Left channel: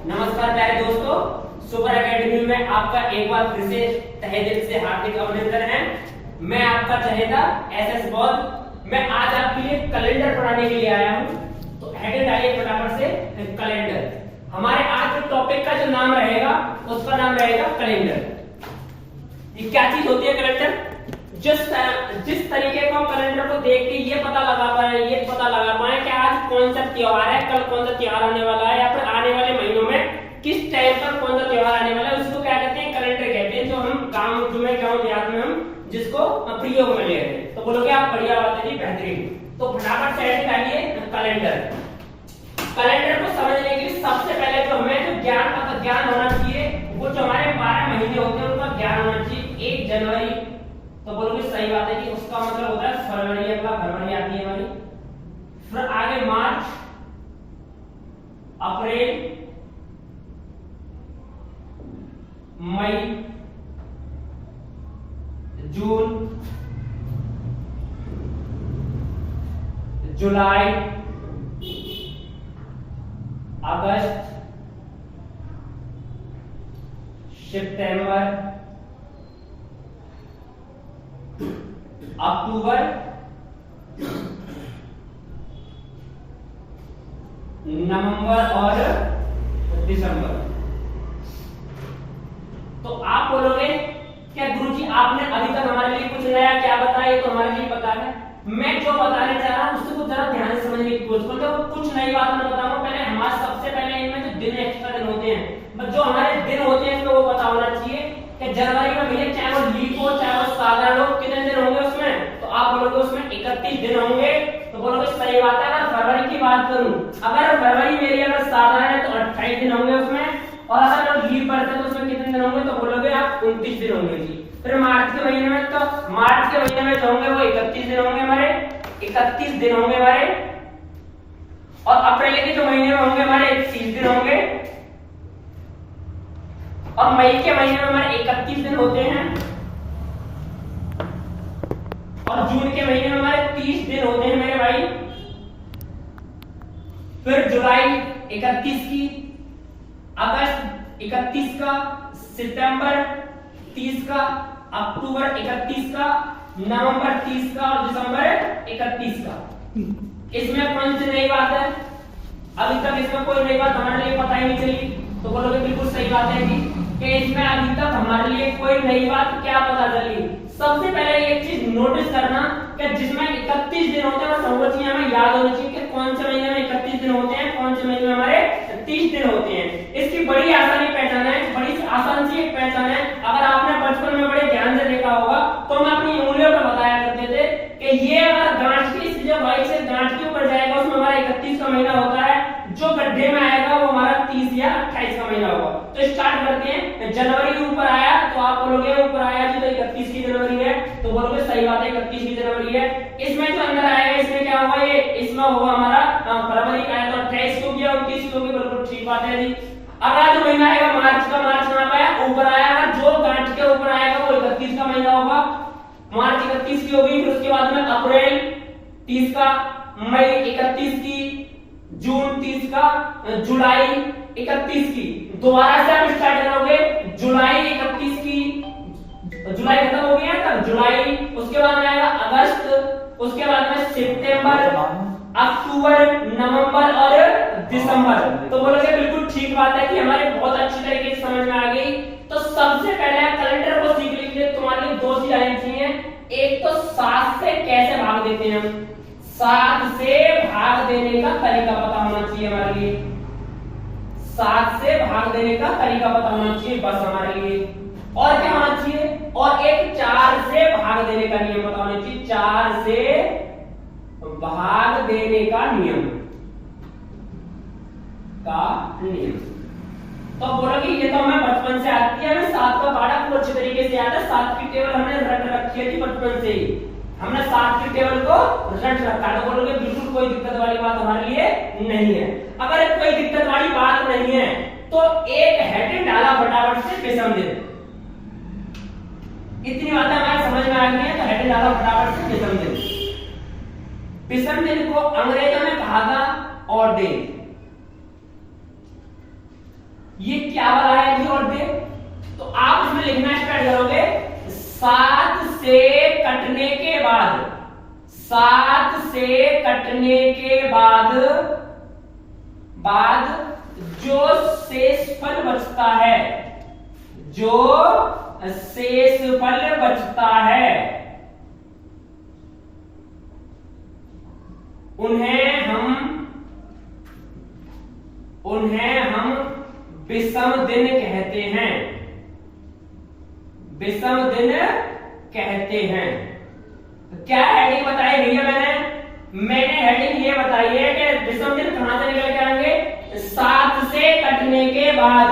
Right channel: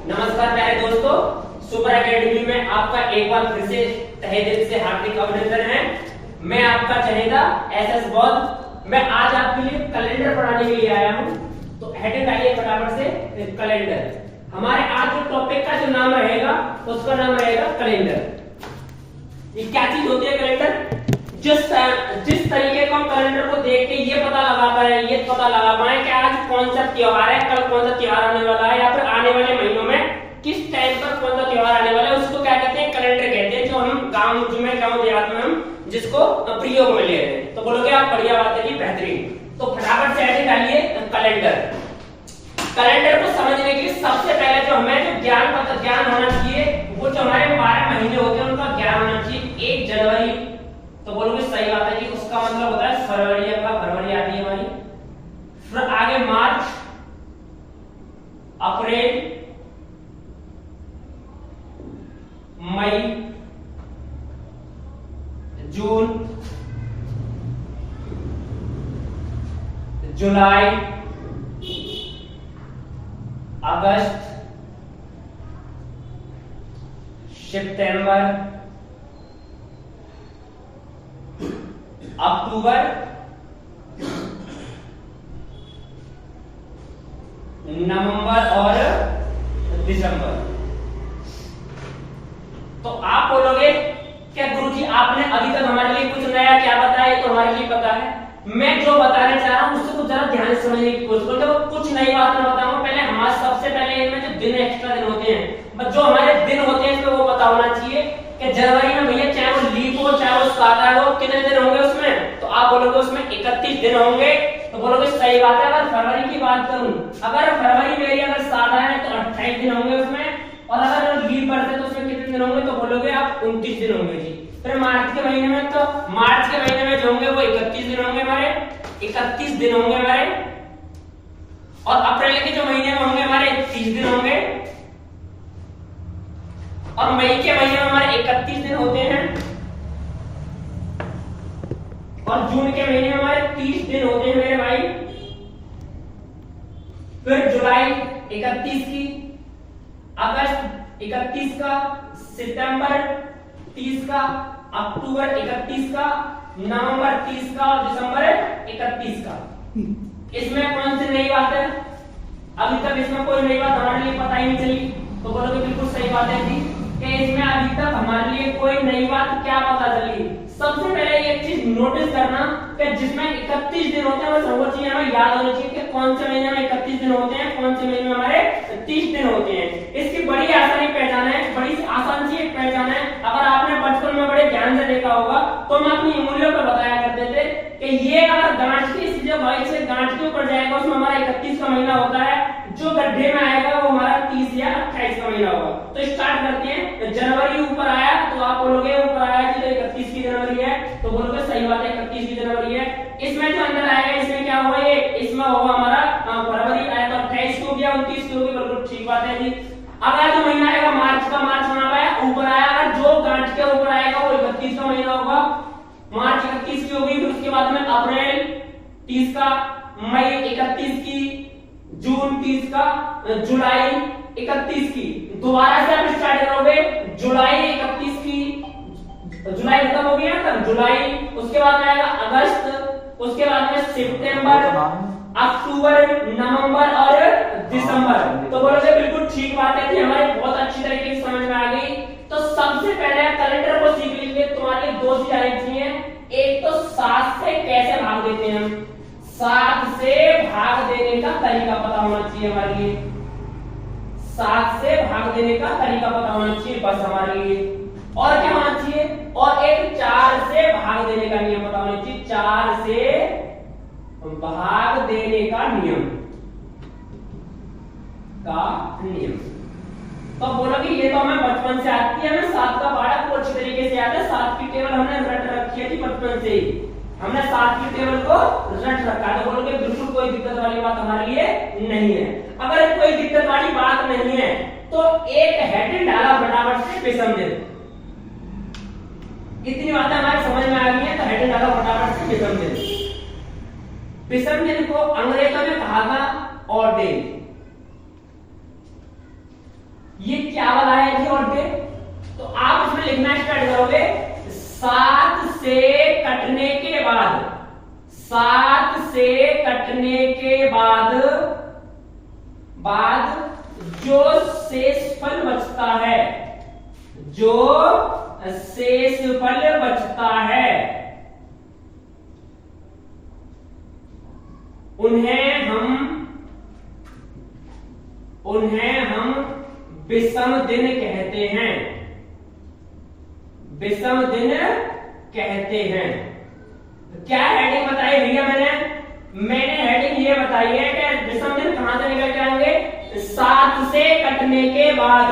नमस्कार प्यारे दोस्तों, सुपर एकेडमी में आपका एक बार फिर से तहे दिल से हार्दिक अभिनंदन है। मैं आपका चहेता एसएस बौद्ध। मैं आज आपके लिए कैलेंडर पढ़ाने के लिए आया हूं। तो हेडिंग आइए फटाफट से, कैलेंडर। हमारे आज के टॉपिक का जो नाम रहेगा उसका नाम रहेगा कैलेंडर। ये क्या चीज होती है कैलेंडर? जिस तरीके का कैलेंडर को देख के ये पता लगा पाए कि आज कौन सा त्योहार है, कल कौन सा त्योहार आने वाला है, या फिर आने वाले महीनों में किस टाइम पर कौन सा त्योहार आने वाला है, उसको क्या कहते हैं? कैलेंडर कहते हैं। जो हम गांव देहात में हम जिसको प्रयोग में ले रहे हैं। तो बोलोगे आप बढ़िया बात है जी, बेहतरीन। तो फटाफट से हेडिंग डालिए कैलेंडर। कैलेंडर को समझने के लिए सबसे पहले जो हमें ज्ञान होना चाहिए, वो जो हमारे 12 महीने होते हैं उनका ज्ञान होना चाहिए। 1 जनवरी, तो बोलोगे सही बात है कि उसका मतलब होता है फरवरी। आपका फरवरी आती है हमारी, फिर आगे मार्च, अप्रैल, मई, जून, जुलाई, अगस्त, सितंबर, अक्टूबर, नवंबर और दिसंबर। तो आप बोलोगे क्या गुरुजी आपने अभी तक हमारे लिए कुछ नया क्या बताया? ये तो हमारे लिए पता है। मैं जो बताने चाह रहा हूं उससे कुछ जरा ध्यान से समझने की कोशिश करो। कुछ नई बात मैं बताऊंगा। पहले हमारे सबसे पहले इनमें जो दिन एक्स्ट्रा दिन होते हैं, जो हमारे दिन होते हैं इसमें वो पता होना चाहिए कि जनवरी में भैया चाहे वो लीप हो चाहे वो साधारण हो, कितने दिन होंगे उसमें? तो आप बोलोगे उसमें 31 दिन होंगे। तो बोलोगे सही बात है। अगर फरवरी की बात करूं, अगर फरवरी मेरी अगर साधारण है तो 28 दिन होंगे उसमें, और अगर लीप पड़ता है तो उसमें कितने दिन होंगे? तो बोलोगे आप 29 दिन होंगे जी। फिर मार्च के महीने में, तो मार्च के महीने में जो होंगे वो 31 दिन होंगे हमारे, 31 दिन होंगे हमारे। और अप्रैल के जो महीने में होंगे हमारे 30 दिन होंगे, और मई के महीने में हमारे 31 दिन होते हैं, और जून के महीने में हमारे 30 दिन होते हैं मेरे भाई। फिर जुलाई 31 की, अगस्त 31 का, सितंबर 30 का, अक्टूबर 31 का, नवंबर 30 का और दिसंबर 31 का। इसमें कौन सी नई बात है? अभी तक इसमें कोई नई बात हमारे लिए पता ही नहीं चली। तो बोलोगे बिल्कुल सही बात है जी कि इसमें अभी तक हमारे लिए कोई नई बात क्या पता चली। सबसे पहले एक चीज नोटिस करना कि जिसमें 31 दिन होते हैं और वो चीज हमें याद होनी चाहिए कि कौन से महीने में 31 दिन होते हैं, कौन से महीने में हमारे 30 दिन होते हैं। इसकी बड़ी आसानी पहचान है, बड़ी आसान सी एक पहचान है। अगर आपने बचपन में बड़े ध्यान से देखा होगा तो हम अपनी उंगलियों पर बताया करते थे कि ये अगर गांठ की जो वाई से गांठ के ऊपर जाएगा उसमें हमारा 31 का महीना होता है, जो गड्ढे में आएगा वो हमारा 30 या 28 का महीना होगा। तो स्टार्ट करते हैं। जनवरी ऊपर आया तो आप बोलोगे ऊपर आया जी तो 31 की जनवरी है, तो बोलोगे सही बात है 31 की जनवरी है। इसमें जो अंदर आएगा इसमें क्या होगा? ये इसमें होगा हमारा फरवरी का है तो 28 को गया, 29 को भी, बिल्कुल ठीक बात है जी। अगला जो महीना आएगा मार्च का, मार्च नाम आया ऊपर आया, जो गांठ के ऊपर आएगा वो 31 का महीना होगा। मार्च 31 की होगी। फिर उसके बाद में अप्रैल 30 का, मई 31 की, जून 30 का, जुलाई 31 की। दोबारा से आप स्टार्ट करोगे जुलाई 31 की, जुलाई खत्म हो गया ना, जुलाई। उसके बाद में आएगा अगस्त, उसके बाद में सितंबर, अक्टूबर, नवंबर और दिसंबर। तो बोलोगे बिल्कुल ठीक बात है कि हमारे बहुत अच्छी तरीके से समझ में आ गई। तो सबसे पहले कैलेंडर को सीख लीजिए। तुम्हारी 2 चीजें आनी चाहिए। एक तो 7 से कैसे भाग देते हैं हम, 7 से भाग देने का तरीका पता होना चाहिए हमारे लिए। 7 से भाग देने का तरीका पता होना चाहिए बस हमारे लिए। और क्या होना चाहिए? और एक 4 से भाग देने का नियम पता होना चाहिए। 4 से भाग देने का नियम तो बोलोगे ये तो हमें बचपन से आती है, हमें 7 का पढ़ा को अच्छे तरीके से याद है। 7 की टेबल हमने रट रखी है बचपन से ही, हमने 7 की टेबल को रट रखा। तो बोलोगे बिल्कुल कोई दिक्कत वाली बात हमारे लिए नहीं है। अगर कोई दिक्कत वाली बात नहीं है तो एक हेडिंग डाला फटाफट से विषम दिन। इतनी बातें हमारे समझ में आ गई है तो हेडिंग डाला फटाफट से विषम दिन। विषम दिन को अंग्रेजों ने कहा था ऑड डे। ये क्या वाला है जी ऑड डे? तो आप इसमें लिखना स्टार्ट करोगे 7 से कटने के बाद, 7 से कटने के बाद जो शेषफल बचता है, जो शेषफल बचता है, उन्हें हम विषम दिन कहते हैं, विषम दिन कहते हैं। तो क्या हेडिंग बताई भैया? मैंने हेडिंग ये बताई है कि विषम दिन कहां से निकल के आएंगे? 7 से कटने के बाद,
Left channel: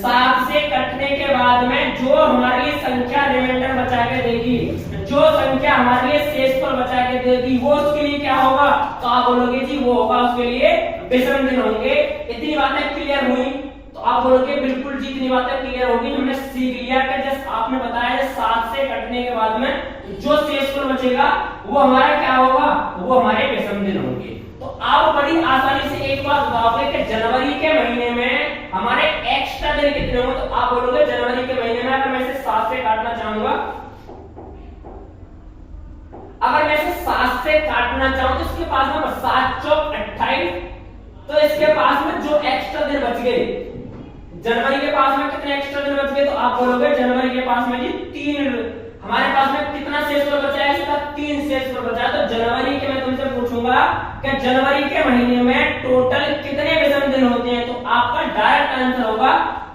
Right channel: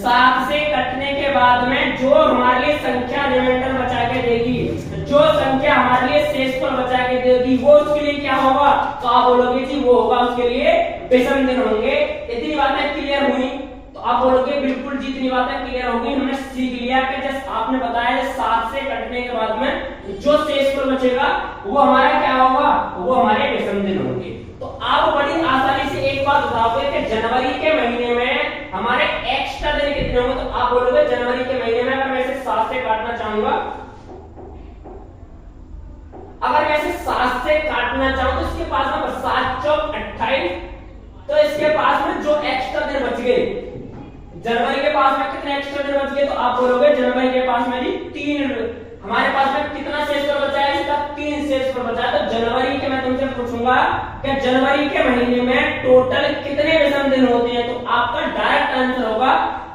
7 से कटने के बाद में जो हमारे लिए संख्या रिमाइंडर बचा के देगी, जो संख्या हमारे लिए शेषफल बचा के देगी, वो उसके लिए क्या होगा? तो आप बोलोगे जी वो होगा उसके लिए विषम दिन होंगे। इतनी बातें क्लियर हुई? तो आप बोलोगे बिल्कुल जितनी बातें क्लियर होगी हमने सीख लिया कि जैसे आपने बताया 7 से कटने के बाद में जो शेषफल बचेगा वो हमारा क्या होगा? वो हमारे विषम दिन होंगे। तो आप बड़ी आसानी से एक बात बताओगे कि जनवरी के महीने में हमारे एक्स्ट्रा दिन कितने होंगे? तो आप बोलोगे जनवरी के महीने में अगर मैं इसे 7 से काटना चाहूंगा, अगर मैं इसे 7 से काटना चाहूं तो इसके पास में 7 चौक 28, तो इसके पास में जो एक्स्ट्रा दिन बच गए, जनवरी के पास में कितने एक्स्ट्रा दिन बच गए? तो आप बोलोगे जनवरी के पास में जी 3, हमारे पास में कितना शेषफल बचा है? इसका 3 शेषफल बचा है। तो जनवरी के मैं तुमसे पूछूंगा कि जनवरी के महीने में टोटल कितने विषम दिन होते हैं? तो आपका डायरेक्ट आंसर होगा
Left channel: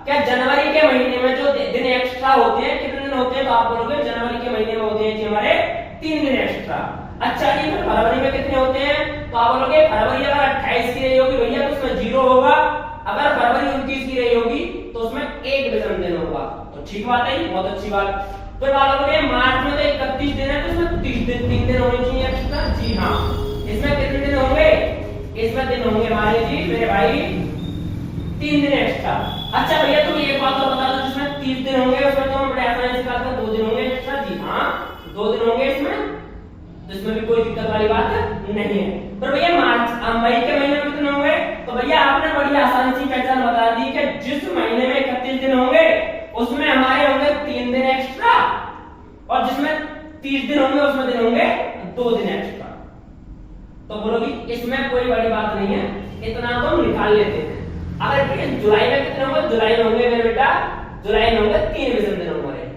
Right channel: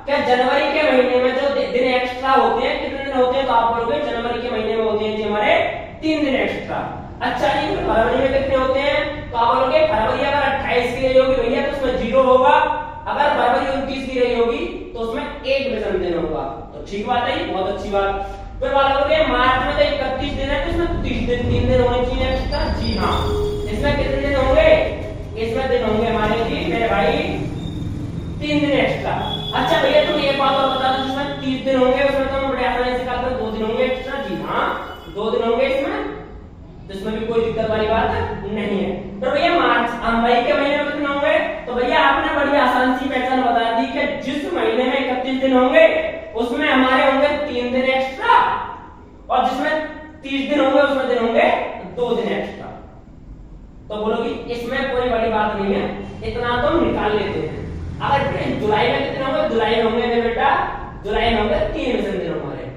कि जनवरी के महीने में जो दिन एक्स्ट्रा होते हैं कितने दिन होते हैं? तो आप बोलोगे जनवरी के महीने में होते हैं जी हमारे 3 दिन एक्स्ट्रा। अच्छा जी फरवरी में कितने होते हैं? तो आप बोलोगे फरवरी अगर 28 की रही होगी भैया तो उसमें 0 होगा, अगर फरवरी 29 की रही होगी तो उसमें 1 विषम दिन होगा। तो ठीक बात है, बहुत अच्छी बात। फिर बोलोगे मार्च में तो 31 दिन है तो इसमें 30 दिन, 3 दिन होने चाहिए एक्स्ट्रा। जी हाँ, इसमें कितने दिन होंगे? इसमें दिन होंगे हमारे जी मेरे भाई 3 दिन एक्स्ट्रा। अच्छा भैया तुम एक बात और बता दो, जिसमें 30 दिन होंगे उसमें तो बड़े आसानी से कहते हैं 2 दिन होंगे एक्स्ट्रा। जी हाँ, 2 दिन होंगे इसमें, जिसमें भी कोई दिक्कत वाली बात नहीं है। पर भैया मार्च मई के महीने में कितने होंगे? तो भैया आपने बड़ी आसान सी पहचान बता दी कि जिस महीने में 31 दिन होंगे उसमें हमारे होंगे 3 दिन एक्स्ट्रा, और जिसमें 30 दिन होंगे उसमें दिन होंगे 2 दिन एक्स्ट्रा। तो बोलोगी इसमें कोई बड़ी बात नहीं है, इतना तो निकाल लेते हैं। अगर जुलाई में कितने होंगे? जुलाई में होंगे मेरे बेटा, जुलाई में होंगे 3 विषम दिन होंगे।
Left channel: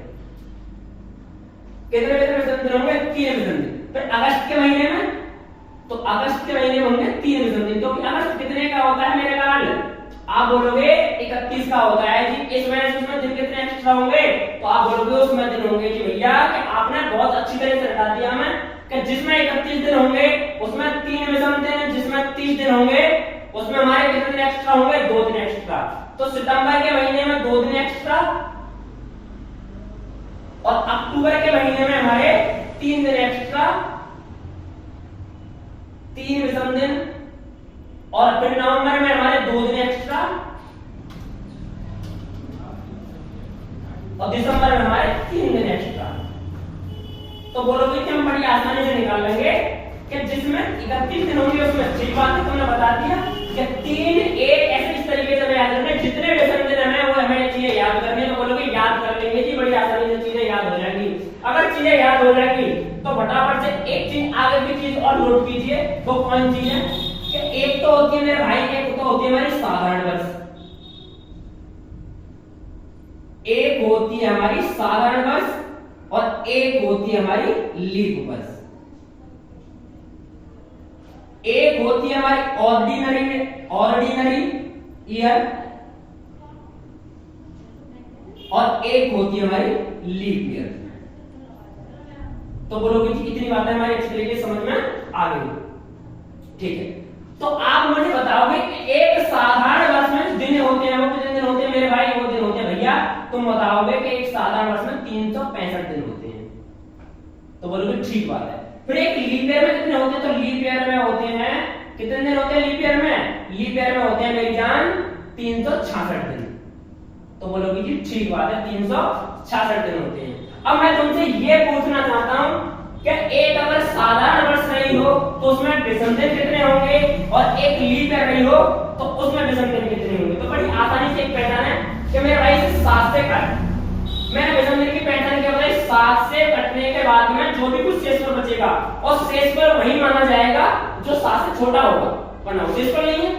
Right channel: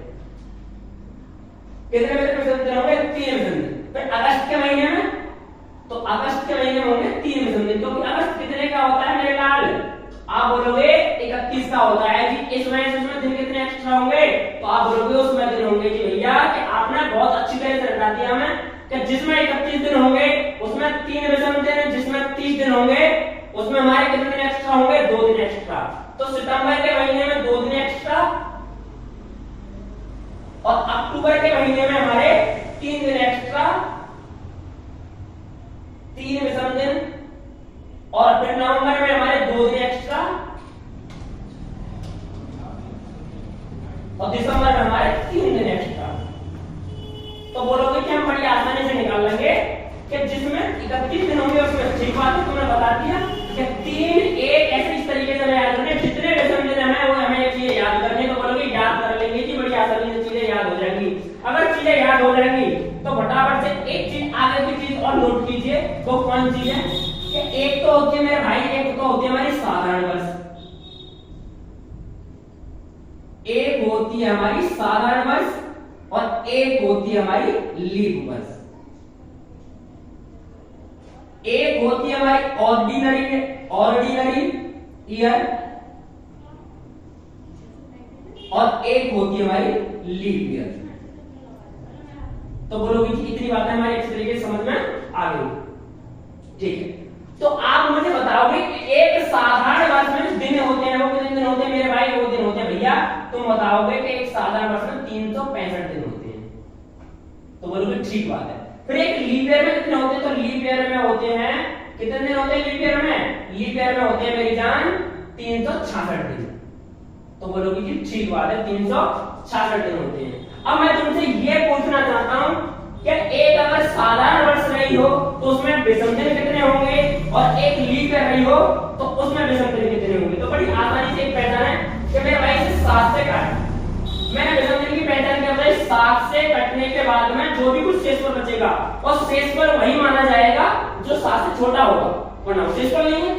कितने विषम दिन होंगे? 3 विषम दिन। फिर अगस्त के महीने में, तो अगस्त के महीने में होंगे 3 विषम दिन। तो अगस्त कितने का होता है मेरे लाल? आप बोलोगे 31 का होता है जी। इस महीने से उसमें दिन कितने एक्स्ट्रा होंगे? तो आप बोलोगे उसमें दिन होंगे कि भैया कि आपने बहुत अच्छी तरह से बता दिया हमें कि जिसमें 31 दिन होंगे उसमें 3 विषम दिन, जिसमें 30 दिन होंगे उसमें हमारे कितने दिन एक्स्ट्रा होंगे? 2 दिन एक्स्ट्रा। तो सितंबर के महीने में 2 दिन एक्स्ट्रा, और अक्टूबर के महीने में हमारे 3 दिन एक्स्ट्रा, 3 विषम दिन, और फिर नवंबर में हमारे 2 दिन एक्स्ट्रा, और दिसंबर में हमारे 3 दिन एक्स्ट्रा। तो बोलोगे कि हम बड़ी आसानी से निकाल लेंगे कि जिसमें 31 दिन होंगे उसमें ठीक बात है, तुमने बता दिया कि 3 1 ऐसे इस तरीके से याद करने, जितने विषम दिन हमें वो हमें चीजें याद करने। तो बोलोगे याद कर लेंगे जी, बड़ी आसानी से चीजें याद हो जाएंगी। अगर चीजें याद हो जाएंगी तो फटाफट से एक चीज आगे की चीज और नोट कीजिए। वो कौन चीज है कि एक तो होती है मेरे भाई, एक तो होती है हमारी साधारण वर्ष, एक होती है हमारी साधारण वर्ष, और एक होती है हमारी लीप वर्ष। एक होती है हमारी ऑर्डिनरी ईयर, और एक होती है हमारी लीप ईयर। तो बोलोगे कि इतनी बातें हमारी अच्छी तरीके से समझ में आ गई, ठीक है। तो आप मुझे बताओगे कि एक साधारण वर्ष में दिन होते हैं, वो कितने दिन होते हैं मेरे भाई? वो दिन होते हैं भैया, तुम बताओगे कि एक साधारण वर्ष में 365 दिन होते हैं। तो बोलोगे ठीक बात है। फिर एक लीप ईयर में कितने होते हैं? तो लीप ईयर में होते हैं कितने दिन होते हैं? लीप ईयर में, लीप ईयर में होते हैं मेरी जान 366 दिन। तो बोलोगे कि ठीक बात है, 366 दिन होते हैं। अब मैं तुमसे ये पूछना चाहता हूं कि एक अगर साधारण वर्ष रही हो तो उसमें विषम दिन कितने होंगे, और एक लीप ईयर रही हो तो उसमें विषम दिन कितने होंगे? तो बड़ी आसानी से एक पैटर्न शेषफल बचेगा और शेषफल वही माना जाएगा जो 7 से छोटा होगा, वरना शेषफल नहीं है।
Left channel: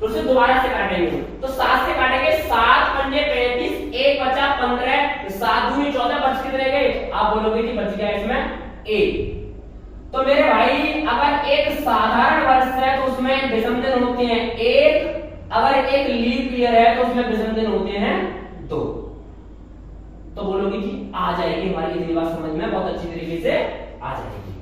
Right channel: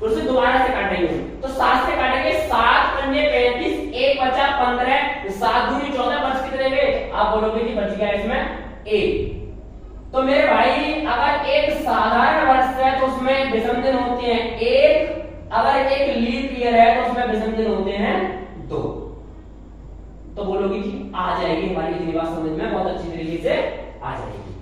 तो उसे दोबारा से काटेंगे, तो 7 से काटेंगे, 7 पंजे 35, 1 बचा 15, 7 दूनी 14, बच कितने गए? आप बोलोगे कि बच गया इसमें 1। तो मेरे भाई अगर एक साधारण वर्ष है तो उसमें विषम दिन होते हैं 1, अगर एक लीप ईयर है तो उसमें विषम दिन होते हैं 2। तो बोलोगे कि आ जाएगी हमारी इतनी बात समझ में, बहुत अच्छी तरीके से आ जाएगी।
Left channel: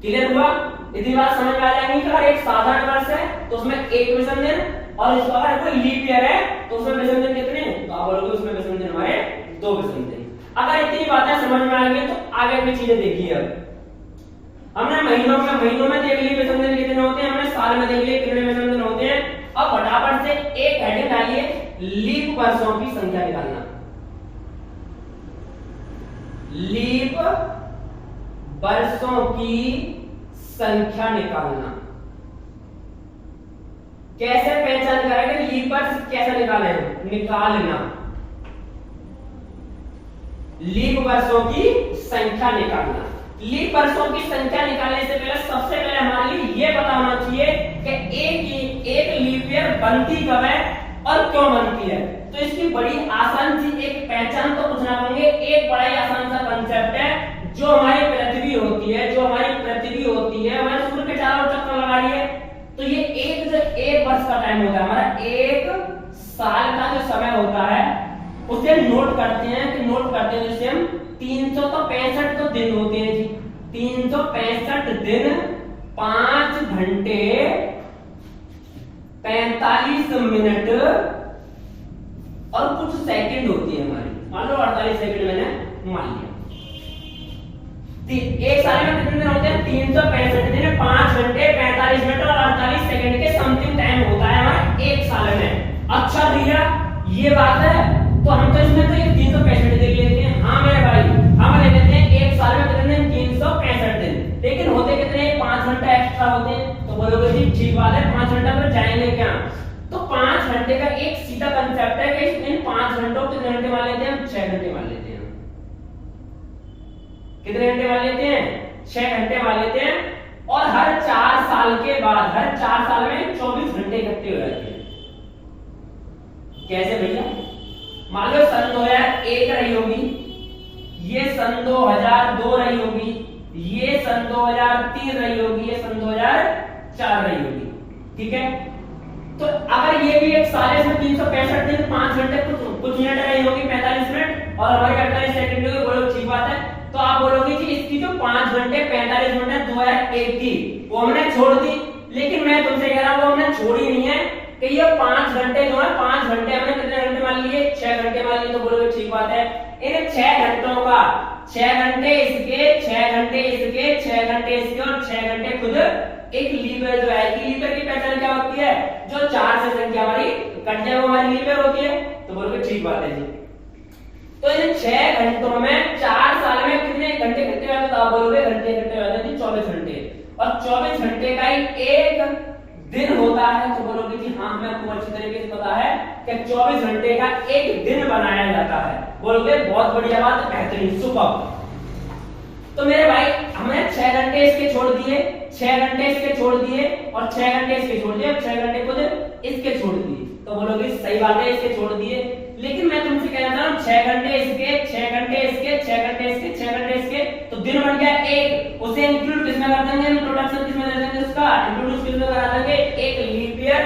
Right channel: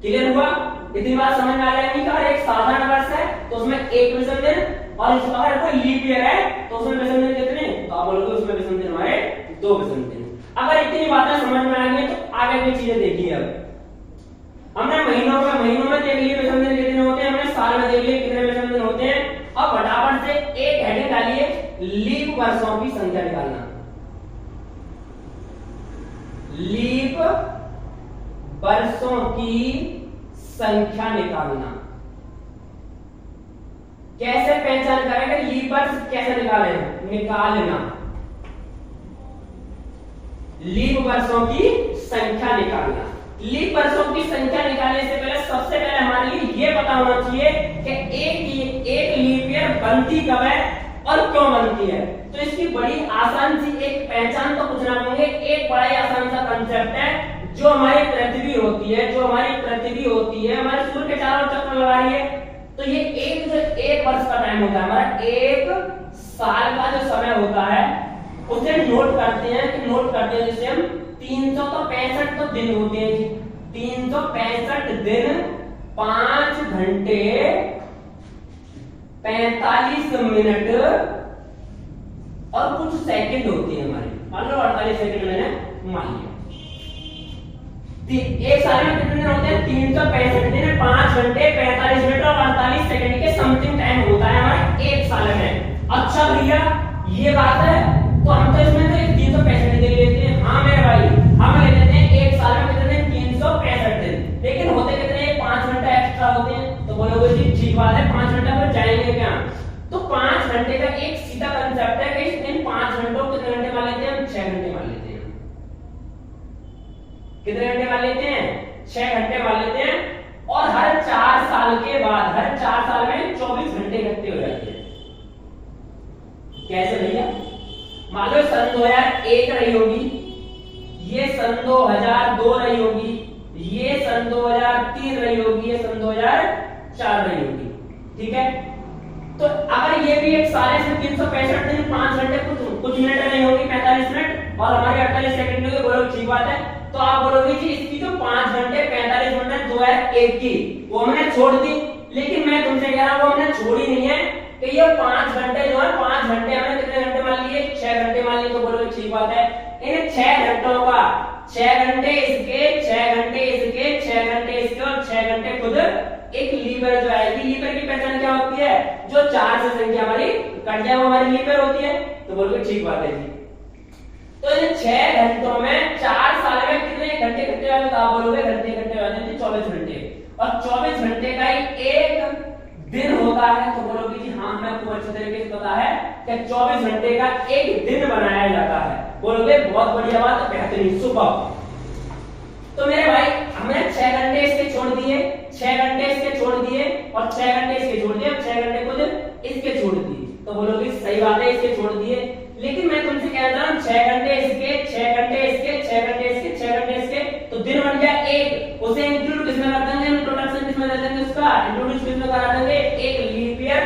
क्लियर हुआ? इतनी बात समझ में आ जाएगी कि अगर एक साधारण वर्ष है तो उसमें एक विषम दिन, और अगर कोई लीप ईयर है तो उसमें विषम दिन कितने? तो आप बोलोगे उसमें विषम दिन हमारे 2 विषम दिन। अगर इतनी बातें समझ में आ गई तो आगे की चीजें देखिए। अब हमने महीनों में देख लिए विषम दिन कितने होते हैं, हमने साल में देख लिए कितने विषम दिन होते हैं। अब फटाफट से एक हेडिंग डालिए, लीप वर्षों की संख्या निकालना। लीप वर्षों की संख्या निकालना। कैसे पहचान करेंगे लीप वर्ष कैसे निकालना? लीप वर्षों की संख्या निकालना। लीप वर्षों की संख्या निकालने से पहले सबसे पहले हमारे लिए यह पता होना चाहिए कि एक लीप ईयर बनती कब है और क्यों बनती है। तो इसकी बड़ी आसान सी एक पहचान तो कुछ ना बनेंगे, एक बड़ा ही आसान सा कंसेप्ट है। जो हमारी पृथ्वी होती है, हमारे सूर्य के चारों चक्कर लगा रही है, तो ये एक वर्ष का टाइम होता है हमारा, एक साल का जो समय होता है उसे नोट करते हैं जिसे हम 365 तो दिन होते हैं जी, 365 दिन 5 घंटे 45 मिनट और कुछ सेकंड होती है हमारी। मान लो 48 सेकंड मैंने मान लिया। एक साल में कितने दिन होते हैं? 365 दिन 5 घंटे 45 मिनट और 48 सेकंड के समथिंग टाइम होता है हमारे एक साल में। अच्छा भैया ये बात है, तो हम तो इसमें से 365 दिन लेते हैं। हाँ मेरे भाई, हम ले लेते हैं एक साल में कितने दिन? 365 दिन, लेकिन होते कितने? 5 घंटा एक्स्ट्रा होते हैं। तो बोलोगे जी ठीक बात है, 5 घंटा फिर जाएंगे क्या? तो 5 घंटे का एक सीधा कंसेप्ट है कि इन 5 घंटों कितने घंटे मान लेते हैं? 6 घंटे मान लेते हैं। कितने घंटे मान लेते हैं? 6 घंटे मान लेते हैं। और हर 4 साल के बाद, हर 4 साल में 24 घंटे इकट्ठे हो जाते हैं। कैसे भैया? मान लो सन 2001 रही होगी, ये सन 2002 रही होगी, ये सन 2003 रही होगी, ये सन 2004 रही होगी। ठीक है, तो अगर ये भी एक साल है, इसमें 365 दिन 5 घंटे कुछ मिनट रही होगी, 45 मिनट और हमारे 48 सेकंड होगी। बोलो ठीक बात है। तो आप बोलोगे कि इसकी जो 5 घंटे 45 मिनट 2001 की वो हमने छोड़ दी, लेकिन मैं तुमसे कह रहा हूं वो हमने छोड़ी नहीं है कि ये 5 घंटे जो है 5 घंटे हमने कितने घंटे मान लिए? 6 घंटे मान लिए। तो बोलोगे ठीक बात है। इन 6 घंटों का 6 घंटे इसके, 6 घंटे इसके, 6 घंटे इसके और 6 घंटे खुद एक लीवर जो आएगी। लीवर की पहचान क्या होती है? जो 4 से संख्या हमारी कट जाए वो हमारी लीवर होती है। तो बोलोगे ठीक बात है जी। तो इन 6 घंटों में 4 साल में कितने घंटे इकट्ठे हुए? तो आप बोलोगे घंटे इकट्ठे हुए जी 24 घंटे, और 24 घंटे का ही एक दिन होता है। तो बोलोगे जी हाँ हमें आपको अच्छी तरीके से पता है कि 24 घंटे का एक दिन बनाया जाता है। बोलोगे बहुत बढ़िया बात, बेहतरीन, सुपर। तो मेरे भाई हमने 6 घंटे इसके छोड़ दिए, 6 घंटे इसके छोड़ दिए और 6 घंटे इसके छोड़ दिए, 6 घंटे खुद इसके छोड़ दिए। तो बोलोगे सही बात है, इसके छोड़ दिए, लेकिन मैं तुमसे कहना चाह रहा हूं 6 घंटे इसके, 6 घंटे इसके, 6 घंटे इसके, 6 घंटे इसके, तो दिन बन गया एक। उसे इंक्लूड किसमें कर देंगे? इंट्रोडक्शन किसमें दे देंगे? उसका इंट्रोड्यूस किसमें करा देंगे? एक लीप ईयर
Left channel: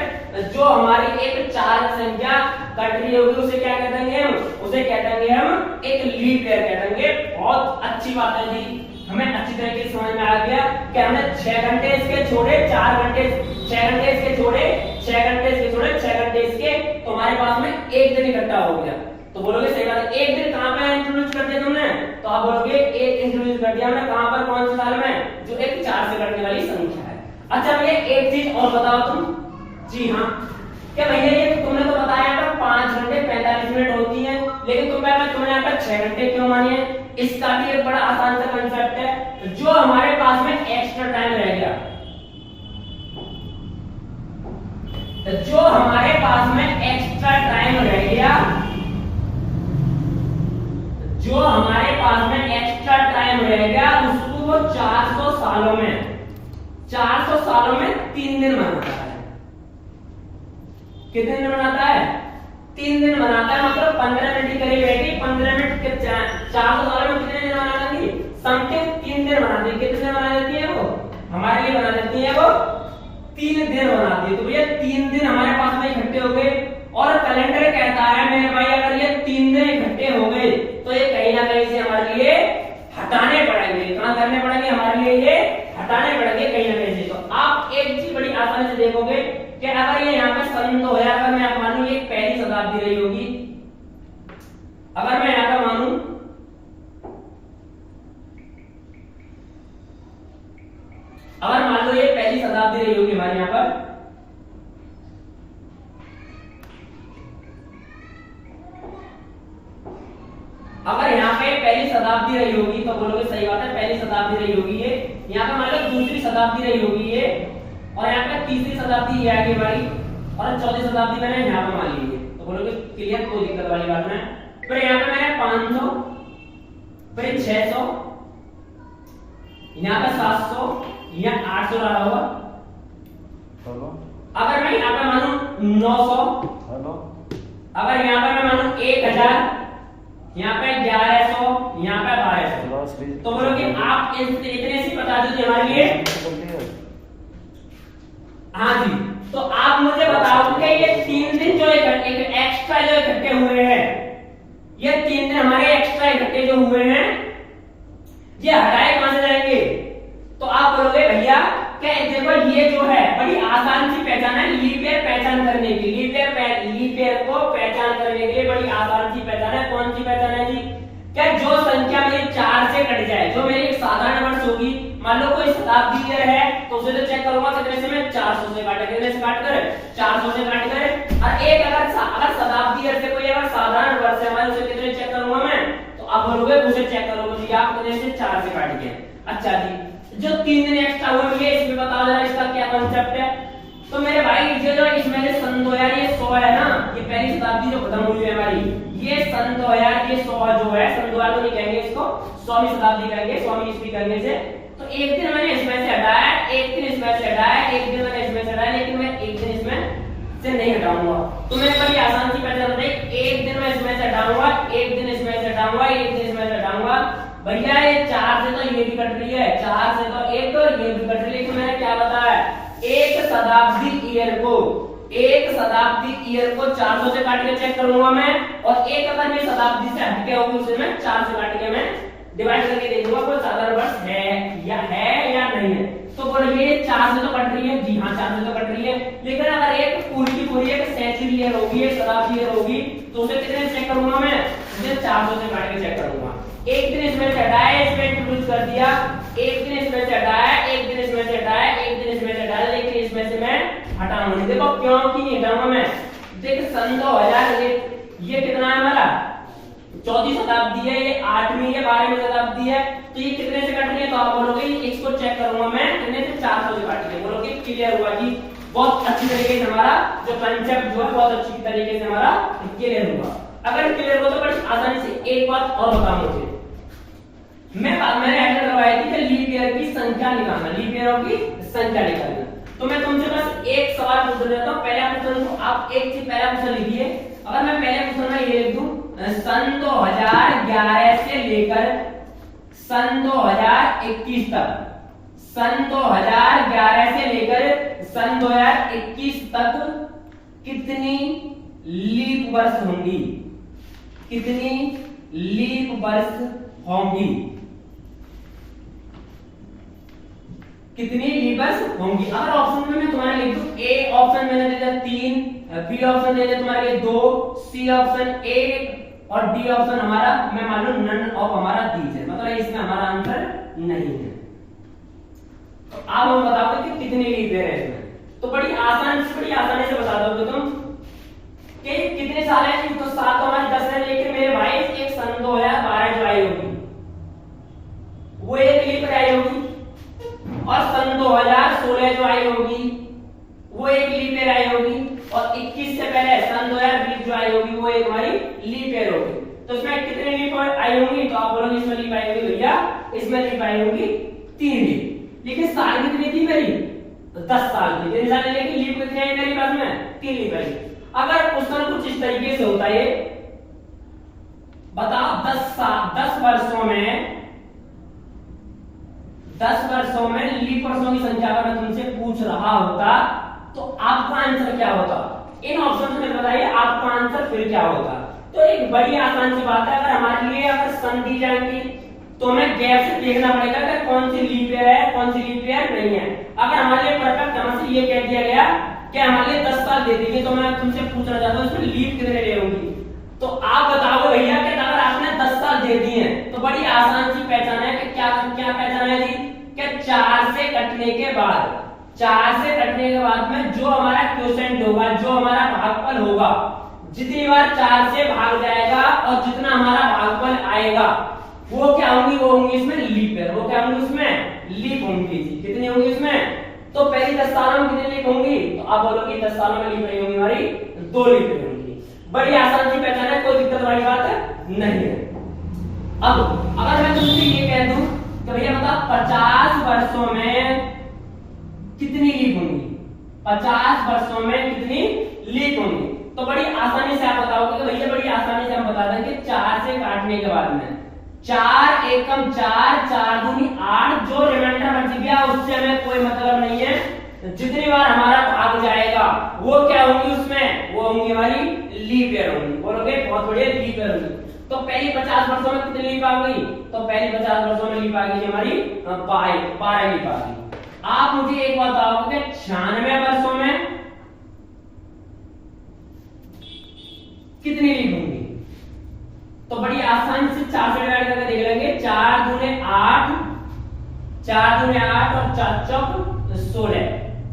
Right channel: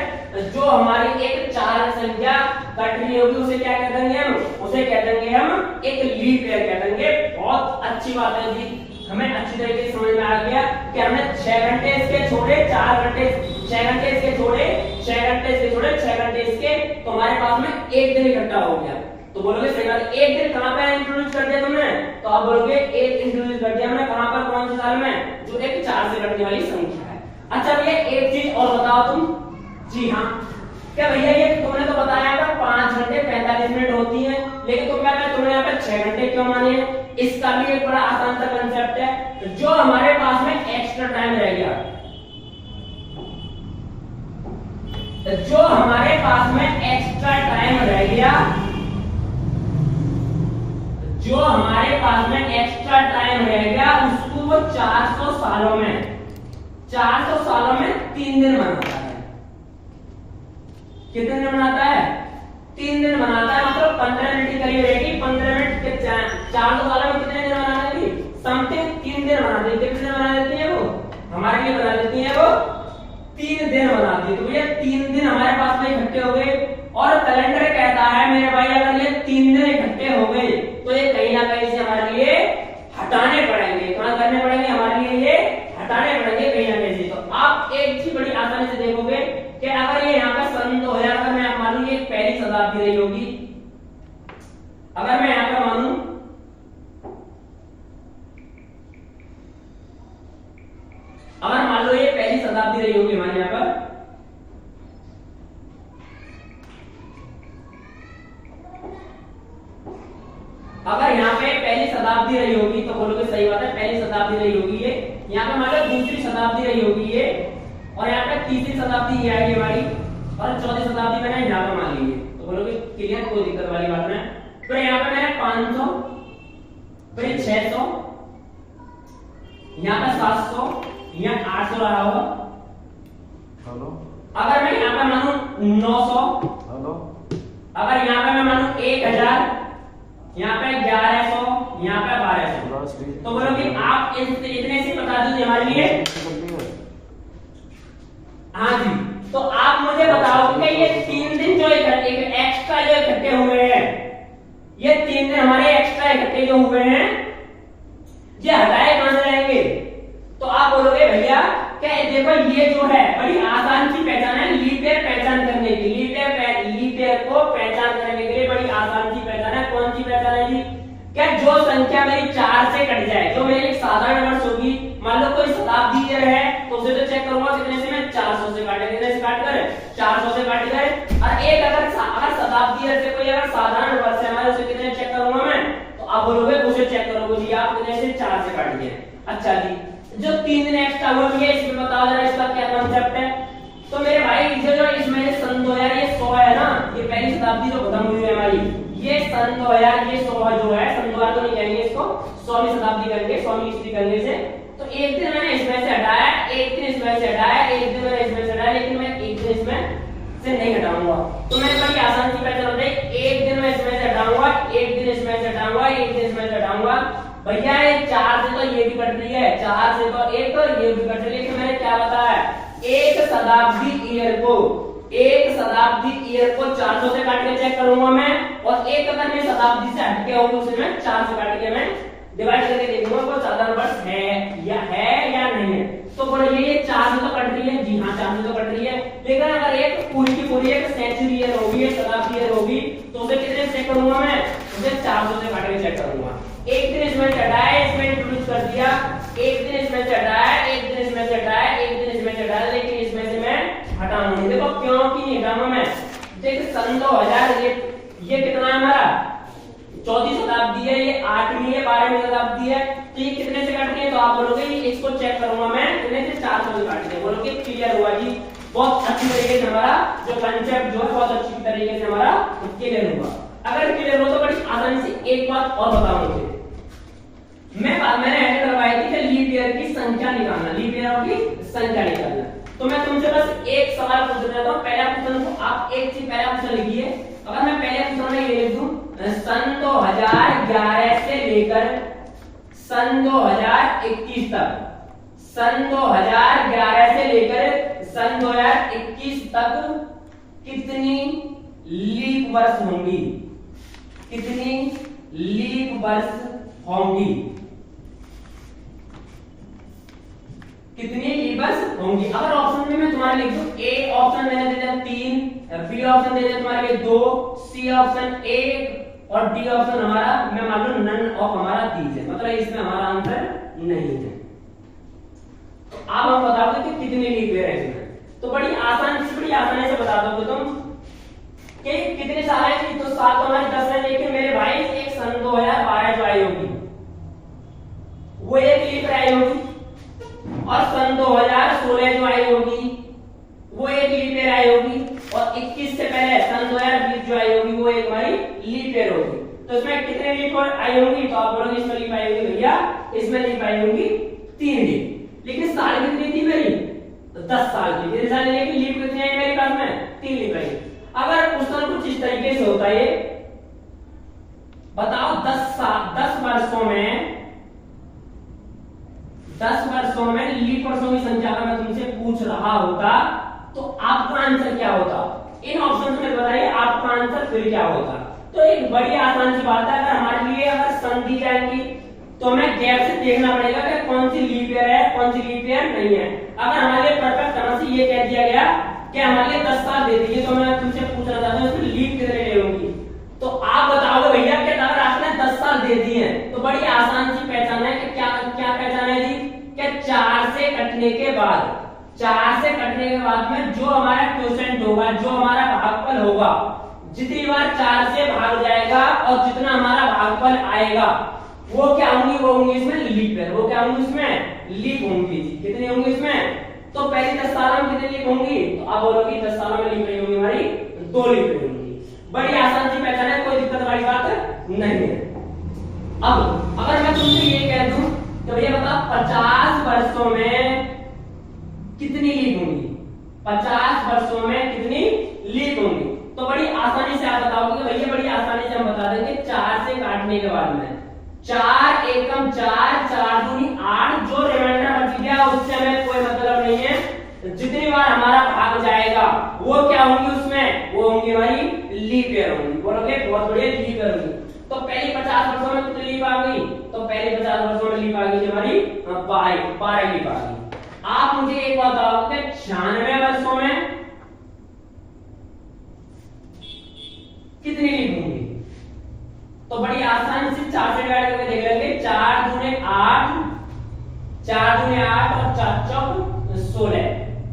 जो हमारी एक 4 संख्या कट रही होगी उसे क्या कह देंगे हम? उसे कह देंगे हम एक लीप ईयर कह देंगे। बहुत अच्छी बात है जी, हमें अच्छी तरीके से समझ में आ गया कि हमने 6 घंटे इसके छोड़े, 4 घंटे 6 घंटे इसके छोड़े, 6 घंटे इसके छोड़े, 6 घंटे इसके, तो हमारे पास में एक दिन इकट्ठा हो गया। तो बोलोगे सही बात है। एक दिन कहां पे इंट्रोड्यूस कर दिया तुमने? तो आप बोलोगे एक इंट्रोड्यूस कर दिया हमने कहां पर? कौन से साल में? जो एक 4 से कटने वाली संख्या है। अच्छा भैया एक चीज और बताओ तुम। जी हाँ, क्या भैया ये तुमने तो बताया पर 5 घंटे 45 मिनट होती है, लेकिन तुमने यहाँ पर 6 घंटे क्यों माने? इसका भी एक बड़ा आसान सा कंसेप्ट है। जो हमारे पास में एक्स्ट्रा टाइम रह गया, जो हमारे पास में एक्स्ट्रा टाइम रह गया, जो हमारे पास में एक्स्ट्रा टाइम रह गया उसको सालों में 400 सालों में 3 दिन मनाता है। कितने दिन मनाता है? 3 दिन मनाता है। मतलब 15 मिनट की करीब रहेगी। 15 मिनट के 400 सालों में कितने दिन मना देती? समथिंग 3 दिन मना देती। कितने दिन मना देती है वो? हमारे लिए बना देती है वो 3 दिन बनाती है। तो भैया 3 दिन हमारे पास में इकट्ठे हो गए और कैलेंडर कहता है मेरे भाई अगर ये 3 दिन इकट्ठे हो गए तो ये कहीं ना कहीं से हमारे लिए हटाने पड़ेंगे। कहां करने पड़ेंगे? हमारे लिए ये हटाने पड़ेंगे कहीं ना कहीं से। तो आप एक चीज बड़ी आसानी से देखोगे कि अगर ये यहाँ पर सन 2000 का मैं आप मानूं ये पहली शताब्दी रही होगी, अगर मैं यहाँ पर मानूं अगर मान लो ये पहली शताब्दी रही होगी हमारे यहाँ पर, अगर यहाँ पे पहली शताब्दी रही होगी तो बोलोगे सही बात है पहली शताब्दी रही होगी ये। यहाँ पे मान लो दूसरी शताब्दी रही होगी ये, और यहाँ पे तीसरी शताब्दी ये आएगी हमारी, और चौथी शताब्दी मैंने यहाँ पे मान ली है। तो बोलोगे क्लियर, कोई दिक्कत वाली बात नहीं। फिर यहाँ पे मैंने 500, फिर 600, यहाँ पे 700, यहाँ 800 रहा होगा। हेलो, अगर मैं यहाँ पे मानूं 900, हेलो, अगर यहाँ पे मैं मानूं 1000, यहाँ पे 1100, यहाँ पे 1200, तो बोलो कि आप इतने से बता दीजिए हमारे लिए। हाँ जी, तो आप मुझे बताओ कि ये 3 दिन जो एक्स्ट्रा जो इकट्ठे हुए हैं, ये 3 दिन हमारे एक्स्ट्रा इकट्ठे जो हुए हैं ये हटाए कहां से जाएंगे? तो आप बोलोगे भैया कि देखो ये जो है बड़ी आसान सी पहचान है लीप ईयर पहचान करने की। लीप ईयर को पहचान करने के लिए बड़ी आसान सी पहचान है। कौन सी पहचान है जी? क्या जो संख्या मेरी 4 से कट जाए, जो मेरी एक साधारण वर्ष होगी, मान लो कोई शताब्दी ईयर है तो उसे तो चेक करूंगा कितने से, मैं 400 से काट, कितने से काट कर 400 से काट कर। और एक अगर शताब्दी ईयर से कोई अगर साधारण वर्ष है हमारे, उसे कितने चेक करूंगा मैं? तो आप बोलोगे उसे चेक करोगे जी आप कितने से 4 से काट दिया। अच्छा जी, जो 3 दिन एक्स्ट्रा हुए इसमें बताओ जरा इसका क्या कांसेप्ट है? तो मेरे भाई ये जो इसमें से सन 2000 ये 100 है ना, ये पहली शताब्दी जो खत्म हुई है हमारी, ये सन 2000 ये 100 जो है, सन 2000 तो नहीं कहेंगे इसको, 100वीं शताब्दी कहेंगे, 100वीं ईस्वी करने से। तो एक दिन मैंने इसमें से हटाया, एक दिन इसमें से हटाया, एक दिन मैंने इसमें से हटाया, लेकिन मैं एक दिन इसमें से नहीं हटाऊंगा। तो मैं बड़ी आसान सी पहचान होता है, एक दिन मैं इसमें से हटाऊंगा, एक दिन इसमें से हटाऊंगा, एक दिन इसमें से हटाऊंगा। भैया ये 4 से तो ये भी कट रही है, 4 से तो एक तो ये भी कट रही है। कि मैंने क्या बताया? एक शताब्दी ईयर को 400 से काट के चेक करूंगा मैं, और एक अगर मैं शताब्दी से हटके होगी उसे मैं 4 से काट के मैं डिवाइड करके देखूंगा कोई साधारण वर्ष है या नहीं है। तो पर ये 4 से तो कट रही है जी हाँ, 4 से तो कट रही है। लेकिन अगर एक पूरी की पूरी एक सेंचुरी ईयर होगी, एक शताब्दी ईयर होगी, तो उसे कितने चेक करूंगा मैं? उसे 400 से काट के चेक करूंगा। एक दिन इसमें चढ़ाया, इसमें इंट्रोड्यूस कर दिया, एक दिन इसमें चढ़ाया, एक दिन इसमें चढ़ाया, एक दिन इसमें चढ़ाया, लेकिन इसमें से मैं हटाऊंगा नहीं। देखो क्यों कि नहीं हटाऊंगा मैं? देखिए सन 2000 ये कितना है हमारा? चौथी शताब्दी है, ये 8वीं है, 12वीं शताब्दी है, तो ये कितने से कट रही है? तो आप बोलोगे इसको चेक करूंगा मैं कितने से 400 से काट के। बोलोगे क्लियर हुआ जी, बहुत अच्छी तरीके से हमारा जो कंसेप्ट जो है बहुत अच्छी तरीके से हमारा क्लियर हुआ। अगर क्लियर हो तो बड़ी आसानी से एक बात और बताऊं मुझे, मैंने ऐसे करवाई थी कि लीप ईयर की संख्या निकालना, लीप ईयर की संख्या निकालना। तो मैं तुमसे बस एक सवाल पूछ देता हूं। पहला क्वेश्चन को आप एक चीज पहला क्वेश्चन लिखिए। अगर मैं पहले क्वेश्चन में ये लिख दूं सन 2011 से लेकर सन 2021 तक, सन 2011 से लेकर सन 2021 तक कितनी लीप वर्ष होंगी? कितनी लीप वर्ष होंगी? कितनी लीप वर्ष होंगी? अगर ऑप्शन में मैं तुम्हारे लिख दूं, ए ऑप्शन मैंने दे दिया 3, बी ऑप्शन दे दिया तुम्हारे लिए 2, सी ऑप्शन 1 और डी ऑप्शन हमारा मैं मान लो नन ऑफ हमारा 3 है, मतलब इसमें हमारा आंसर नहीं है। तो अब हम बता दो कि कितनी लीप ईयर है इसमें। तो बड़ी आसानी से बता दोगे तुम कि कितने साल है। तो साल तो हमारे 10 है, लेकिन मेरे भाई एक सन 2012 जो आई होगी वो एक लीप ईयर आई होगी, और सन 2016 जो आई होगी वो एक लीप ईयर आई होगी, और 21 से पहले सन 2020 जो आई होगी वो एक हमारी लीप ईयर होगी। तो इसमें कितने लीप आई होंगी? तो आप बोलोगे इसमें लीप आई होगी भैया, इसमें लीप आई होगी 3 लीप। लेकिन साल कितनी थी मेरी? 10 साल की। कितने साल लेकिन लीप कितने हैं मेरे पास में? 3 लीप है। अगर क्वेश्चन कुछ इस तरीके से होता है, बताओ 10 वर्षों में लीप वर्षों की संख्या अगर मैं तुमसे पूछ रहा होता तो आपका आंसर क्या होता? इन ऑप्शन में बताइए आपका आंसर फिर क्या होता? तो एक बड़ी आसान सी बात है, अगर हमारे लिए अगर सन दी जाएंगी तो हमें गैप से देखना पड़ेगा कि कौन सी लीप ईयर है, कौन सी लीप ईयर नहीं है। अगर हमारे लिए परफेक्ट तरह से ये कह दिया गया कि हमारे लिए 10 साल दे दीजिए, तो मैं तुमसे पूछना चाहता हूँ इसमें लीप कितने ले होंगी? तो आप बताओ भैया कि अगर आपने 10 साल दे दिए तो बड़ी आसान सी पहचान है कि क्या क्या पहचान है जी? कि 4 से कटने के बाद, 4 से कटने के बाद में जो हमारा क्वोशिएंट होगा, जो हमारा भागफल होगा, जितनी बार 4 से भाग जाएगा और जितना हमारा भागफल आएगा वो क्या होंगी? वो होंगी इसमें लीप ईयर। वो क्या होंगी? इसमें लीप होंगी। कितनी होंगी इसमें? तो पहली 10 सालों में कितनी लीप होंगी? तो आप बोलोगे 10 सालों में लीप नहीं होंगी हमारी, 2 लीप होंगी। बड़ी आसान सी पहचान है, कोई दिक्कत वाली बात नहीं है। अब अगर मैं तुमसे ये कह दूं तो भैया बता 50 वर्षों में कितनी लीप होंगी? 50 वर्षों में कितनी लीप होंगी? तो बड़ी आसानी से आप बताओगे कि भैया बड़ी आसानी से हम बता देंगे 4 से काटने के बाद में 4 एकम 4, 4 दूनी 8, जो रिमाइंडर बच गया उससे हमें कोई मतलब नहीं है। जितनी बार हमारा भाग जाएगा वो क्या होंगी? उसमें वो होंगी हमारी लीप ईयर होंगी। बोलोगे बहुत बढ़िया, लीप ईयर होंगी। तो पहली 50 वर्षों में कितनी लीप आ गई? तो पहली 50 वर्षों में लीप आ गई हमारी 12 लीप आ गई। आप मुझे एक बताओ कि 96 वर्षों में कितनी लीप होंगी? तो बड़ी आसानी से 4 से डिवाइड करके देख लेंगे। 4 दूने 8, 4 दूने 8 और 4 चौक 16।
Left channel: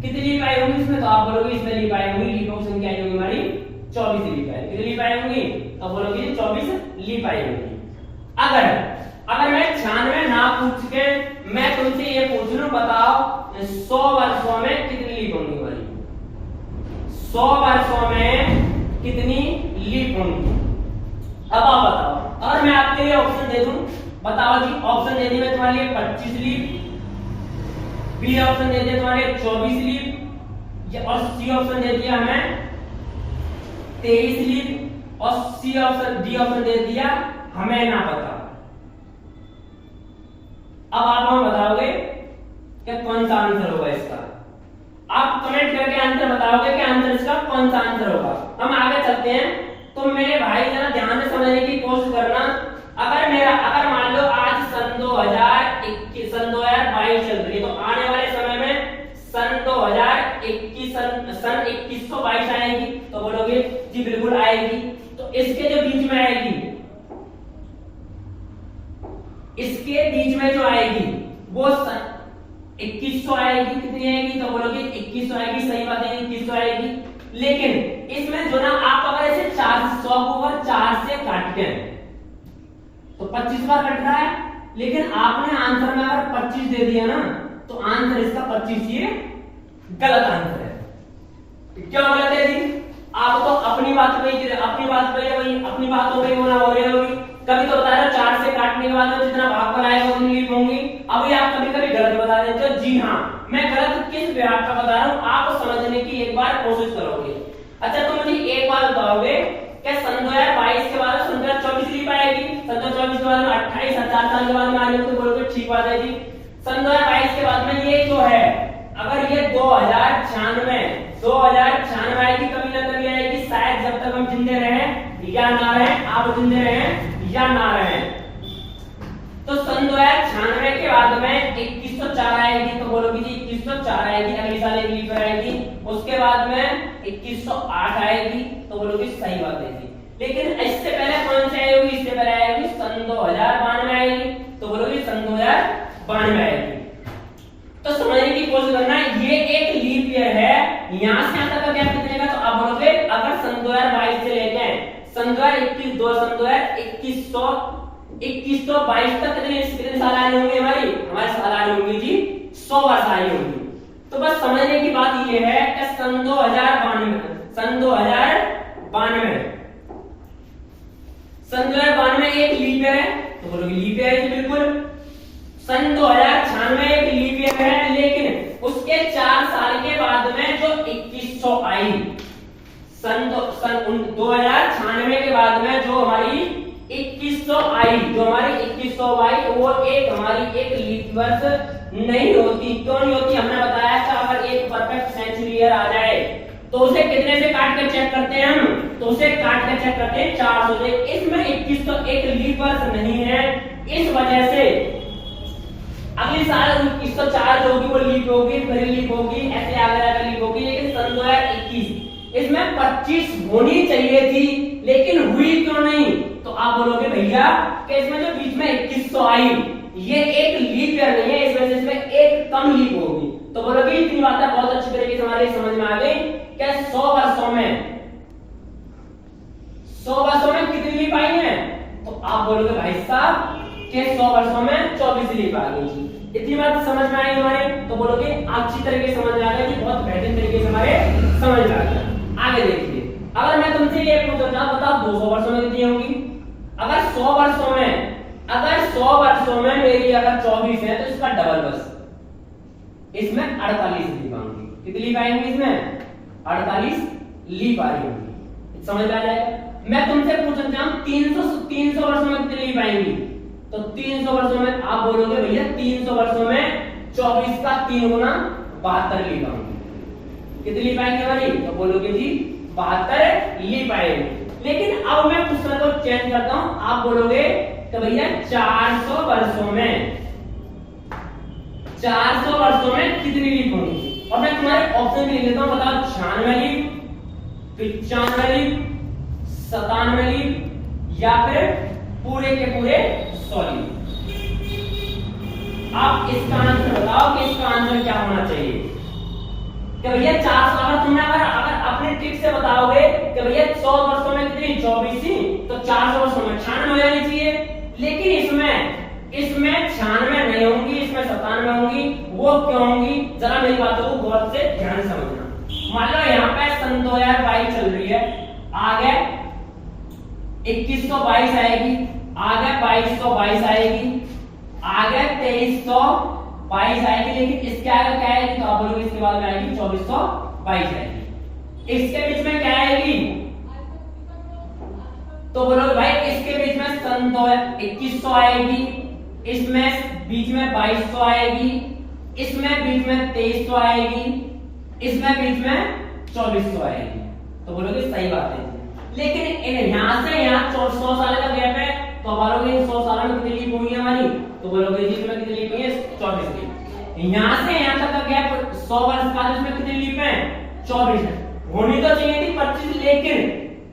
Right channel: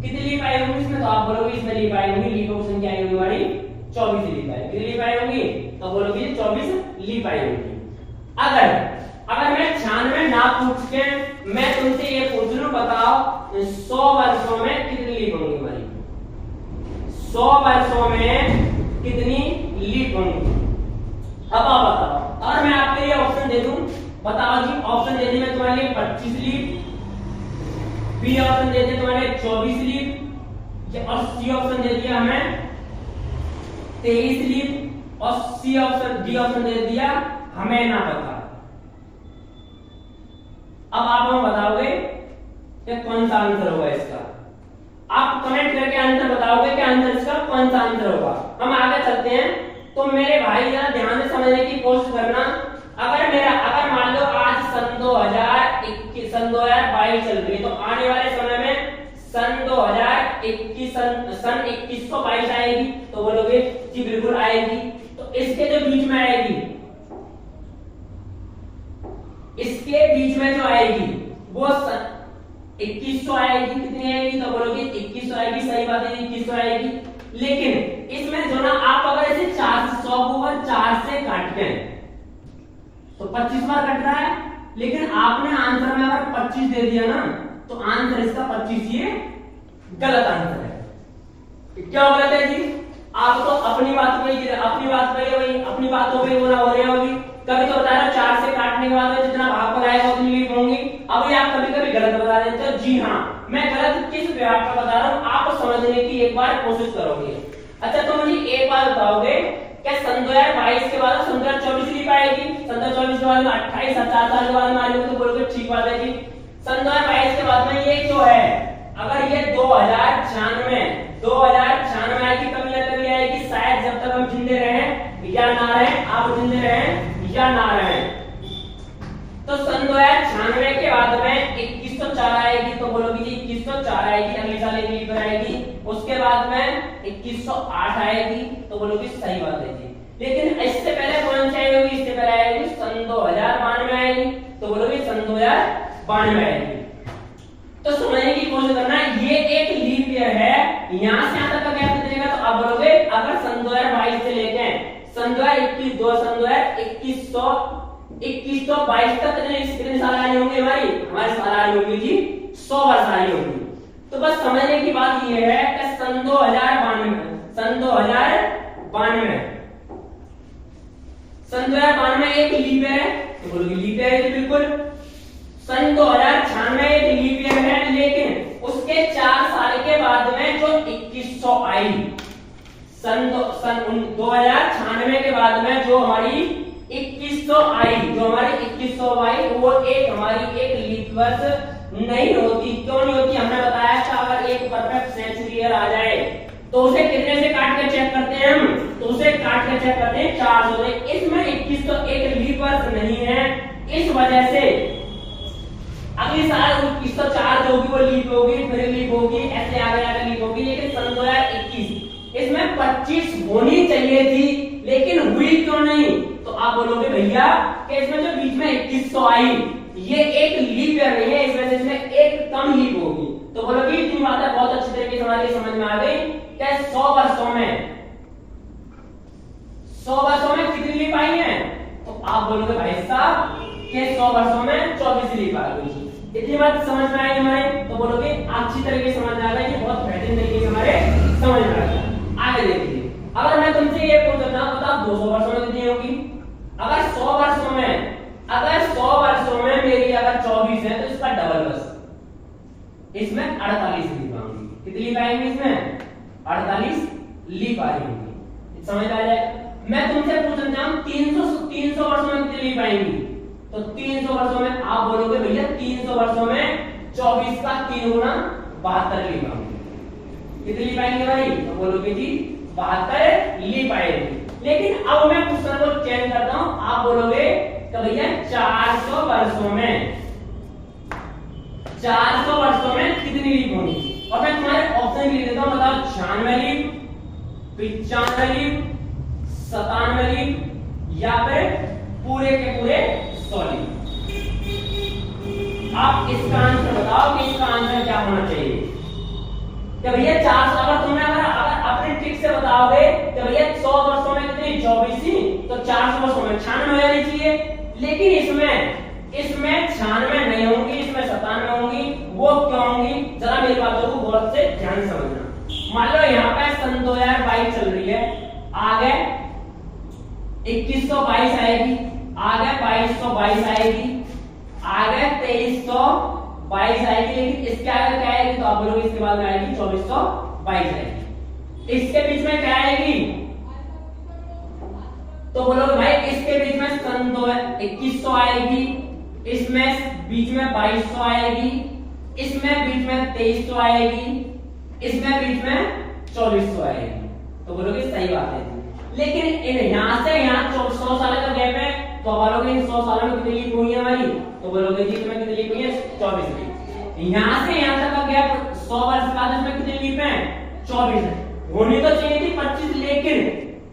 कितनी लीप आई होंगी इसमें? तो आप बोलोगे इसमें लीप आई होंगी, लीप ऑप्शन क्या आई होगी हमारी? 24 लीप आई। कितनी लीप आई होंगी? तो बोलोगे 24 लीप आई होगी। अगर मैं 96 ना पूछ के मैं तुमसे ये पूछ लूं, बताओ 100 वर्षों में कितनी लीप होंगी हमारी? 100 वर्षों में कितनी लीप होंगी? अब आप बताओ। और मैं आपके लिए ऑप्शन दे दूं, बताओ जी। ऑप्शन दे दी मैं तुम्हारे लिए 25 लीप, बी ऑप्शन दे दिया तुम्हारे 24 लीप, और सी ऑप्शन दे दिया हमें 23 लीप, और सी ऑप्शन डी ऑप्शन दे दिया हमें ना पता। अब आप हमें बताओगे कि कौन सा आंसर होगा इसका? आप कमेंट करके आंसर बताओगे कि आंसर इसका कौन सा आंसर होगा। हम आगे चलते हैं। तो मेरे भाई जरा ध्यान से समझने की कोशिश करना। अगर मान लो आज सन 2021 सन 2022 चल रही है, तो आने वाले समय में सन 2021 सन 2122 आएगी। तो बोलोगे जी बिल्कुल आएगी। तो इसके जो बीच में आएगी, इसके बीच में जो आएगी वो 2100 आएगी। कितनी आएगी? तो बोलोगे 2100 आएगी। सही बात है, 2100 आएगी। लेकिन इसमें जो ना आप अगर ऐसे 400 को अगर 4 से काटते हैं तो 25 बार कट रहा है, लेकिन आपने आंसर में अगर 25 दे दिया ना तो आंसर इसका 25 ये गलत आंसर है। क्यों गलत है जी? आप तो अपनी बात पे अपनी बात हो गई वो ना हो रही होगी। कभी तो बता रहे 4 से काटने के बाद जितना भागफल आएगा उतनी लीप होंगी। अभी आप कभी कभी गलत बता देते हो। जी हाँ, मैं गलत किस विभाग का बता रहा हूँ आप समझने की एक बार कोशिश करोगे। अच्छा, तो मुझे एक बार बताओगे कि सन 2022 के बाद सन 2024 लीप आएगी। सन 2024 के बाद में 28 4 साल के बाद में आएगी। तो बोलोगे ठीक बात है जी। सन 2022 के बाद में ये जो है, अगर ये 2096 आएगी, कभी ना कभी आएगी, शायद जब तक हम जिंदे रहें या ना रहें, आप जिंदे रहें या ना रहें। तो सन 2096 के बाद में 2104 आएगी। तो बोलोगे जी 2104 आएगी, अगले साल एक लीप आएगी। उसके बाद में 2108 आएगी। तो बोलोगे सही बात है जी। लेकिन इससे पहले कौन सी आएगी? इससे पहले आएगी सन 2092 आएगी। तो बोलोगे सन 2092 आएगी। तो समझने की कोशिश करना, ये एक लीप ईयर है। यहां से यहां तक का गैप कितने का? तो आप बोलोगे अगर सन 2022 से लेके सन 2021 2122 तक कितने साल आने होंगे? हमारे साल आने होंगे जी 100 वर्ष आने होंगे। तो बस समझने की बात ये है कि सन 2092 एक लीप ईयर है। तो बोलोगे लीप ईयर है बिल्कुल। सन 2096 एक लीप ईयर है। सन 2096 के बाद में जो हमारी 2100 आई, जो हमारी 2100 आई, वो एक हमारी एक लीप वर्ष नहीं होती। क्यों नहीं होती? हमने बताया था अगर एक परफेक्ट सेंचुरी ईयर आ जाए तो उसे कितने से काट के चेक करते हैं हम? तो उसे काट के चेक करते हैं 400 से। इसमें 2100 एक लीप वर्ष नहीं है, इस वजह से अगले साल 2104 जो होगी वो लीप होगी, फिर लीप होगी, ऐसे आगे आगे लीप होगी। लेकिन सन 2021 इसमें 25 होनी चाहिए थी, लेकिन हुई क्यों नहीं? तो आप बोलोगे भैया कि इसमें जो बीच में 2100 आई ये एक लीप ईयर नहीं है, इस वजह से इसमें एक कम लीप होगी। तो बोलोगे इतनी बातें बहुत अच्छी तरीके से हमारे समझ में आ गई कि 100 वर्षों में कितनी लीप आई है? तो आप बोलोगे भाई साहब कि 100 वर्षों में 24 लीप आ गई। इतनी बात समझ में आई हमारे? तो बोलोगे अच्छी तरीके से समझ आ गया, ये बहुत बेहतरीन तरीके से हमारे समझ में आ गया। आगे देखिए, अगर मैं तुमसे ये पूछता हूं बताओ 200 वर्षों में कितनी होंगी? अगर 100 वर्षों में मेरी अगर 24 है तो इसका डबल बस इसमें 48 लीप आएंगी। कितनी लीप आएंगी? इसमें 48 लीप आएंगी। समझ आ जाए? मैं तुमसे पूछना चाहूं 300 वर्षों में कितनी लीप आएंगी? तो 300 वर्षों में आप बोलोगे भैया 300 वर्षों में 24 का 3 गुना 72 लीप आएंगी। कितनी लीप आएंगी हमारी? तो बोलोगे जी 72 लीप आएंगी। लेकिन अब मैं क्वेश्चन को चेंज करता हूं, आप बोलोगे कि भैया 400 वर्षों में कितनी लीप होगी? और मैं तुम्हारे ऑप्शन लिख देता हूं, बताओ 96 लीप, 95 लीप, 97 लीप या फिर पूरे के पूरे 100 लीप। आप इसका आंसर बताओ कि इसका आंसर क्या होना चाहिए? कि भैया 400 अगर तुमने अगर अपनी ट्रिक से बताओगे कि भैया 100 वर्षों में कितनी 24 ही, तो 400 वर्षों में 96 हो जानी चाहिए। लेकिन इसमें 96 नहीं होंगी, इसमें 97 होंगी। वो क्यों होंगी? जरा मेरी बातों को गौर से ध्यान से समझना। मान लो यहाँ पे सन 2022 चल रही है, आगे 2122 आएगी, आगे 2222 आएगी, आगे 2322 आएगी। लेकिन इसके आगे क्या आएगी? तो आप बोलोगे इसके बाद में आएगी 2422 आएगी। इसके बीच में क्या आएगी? तो बोलोगे भाई इसके बीच में सन 2100 आएगी, इसमें बीच में 2200 आएगी, इसमें बीच में 2300 आएगी, इसमें बीच में 2400 आएगी। तो बोलोगे सही बात है। लेकिन यहां से यहां 100 साल का गैप है, तो बोलोगे 100 साल में कितनी लीप हुई है हमारी? तो बोलोगे जी इसमें कितनी लीप हुई है? 24 लीप। यहां से यहां तक का गैप 100 वर्ष का, इसमें कितनी लीप है? 24 है। होनी तो चाहिए थी 25, लेकिन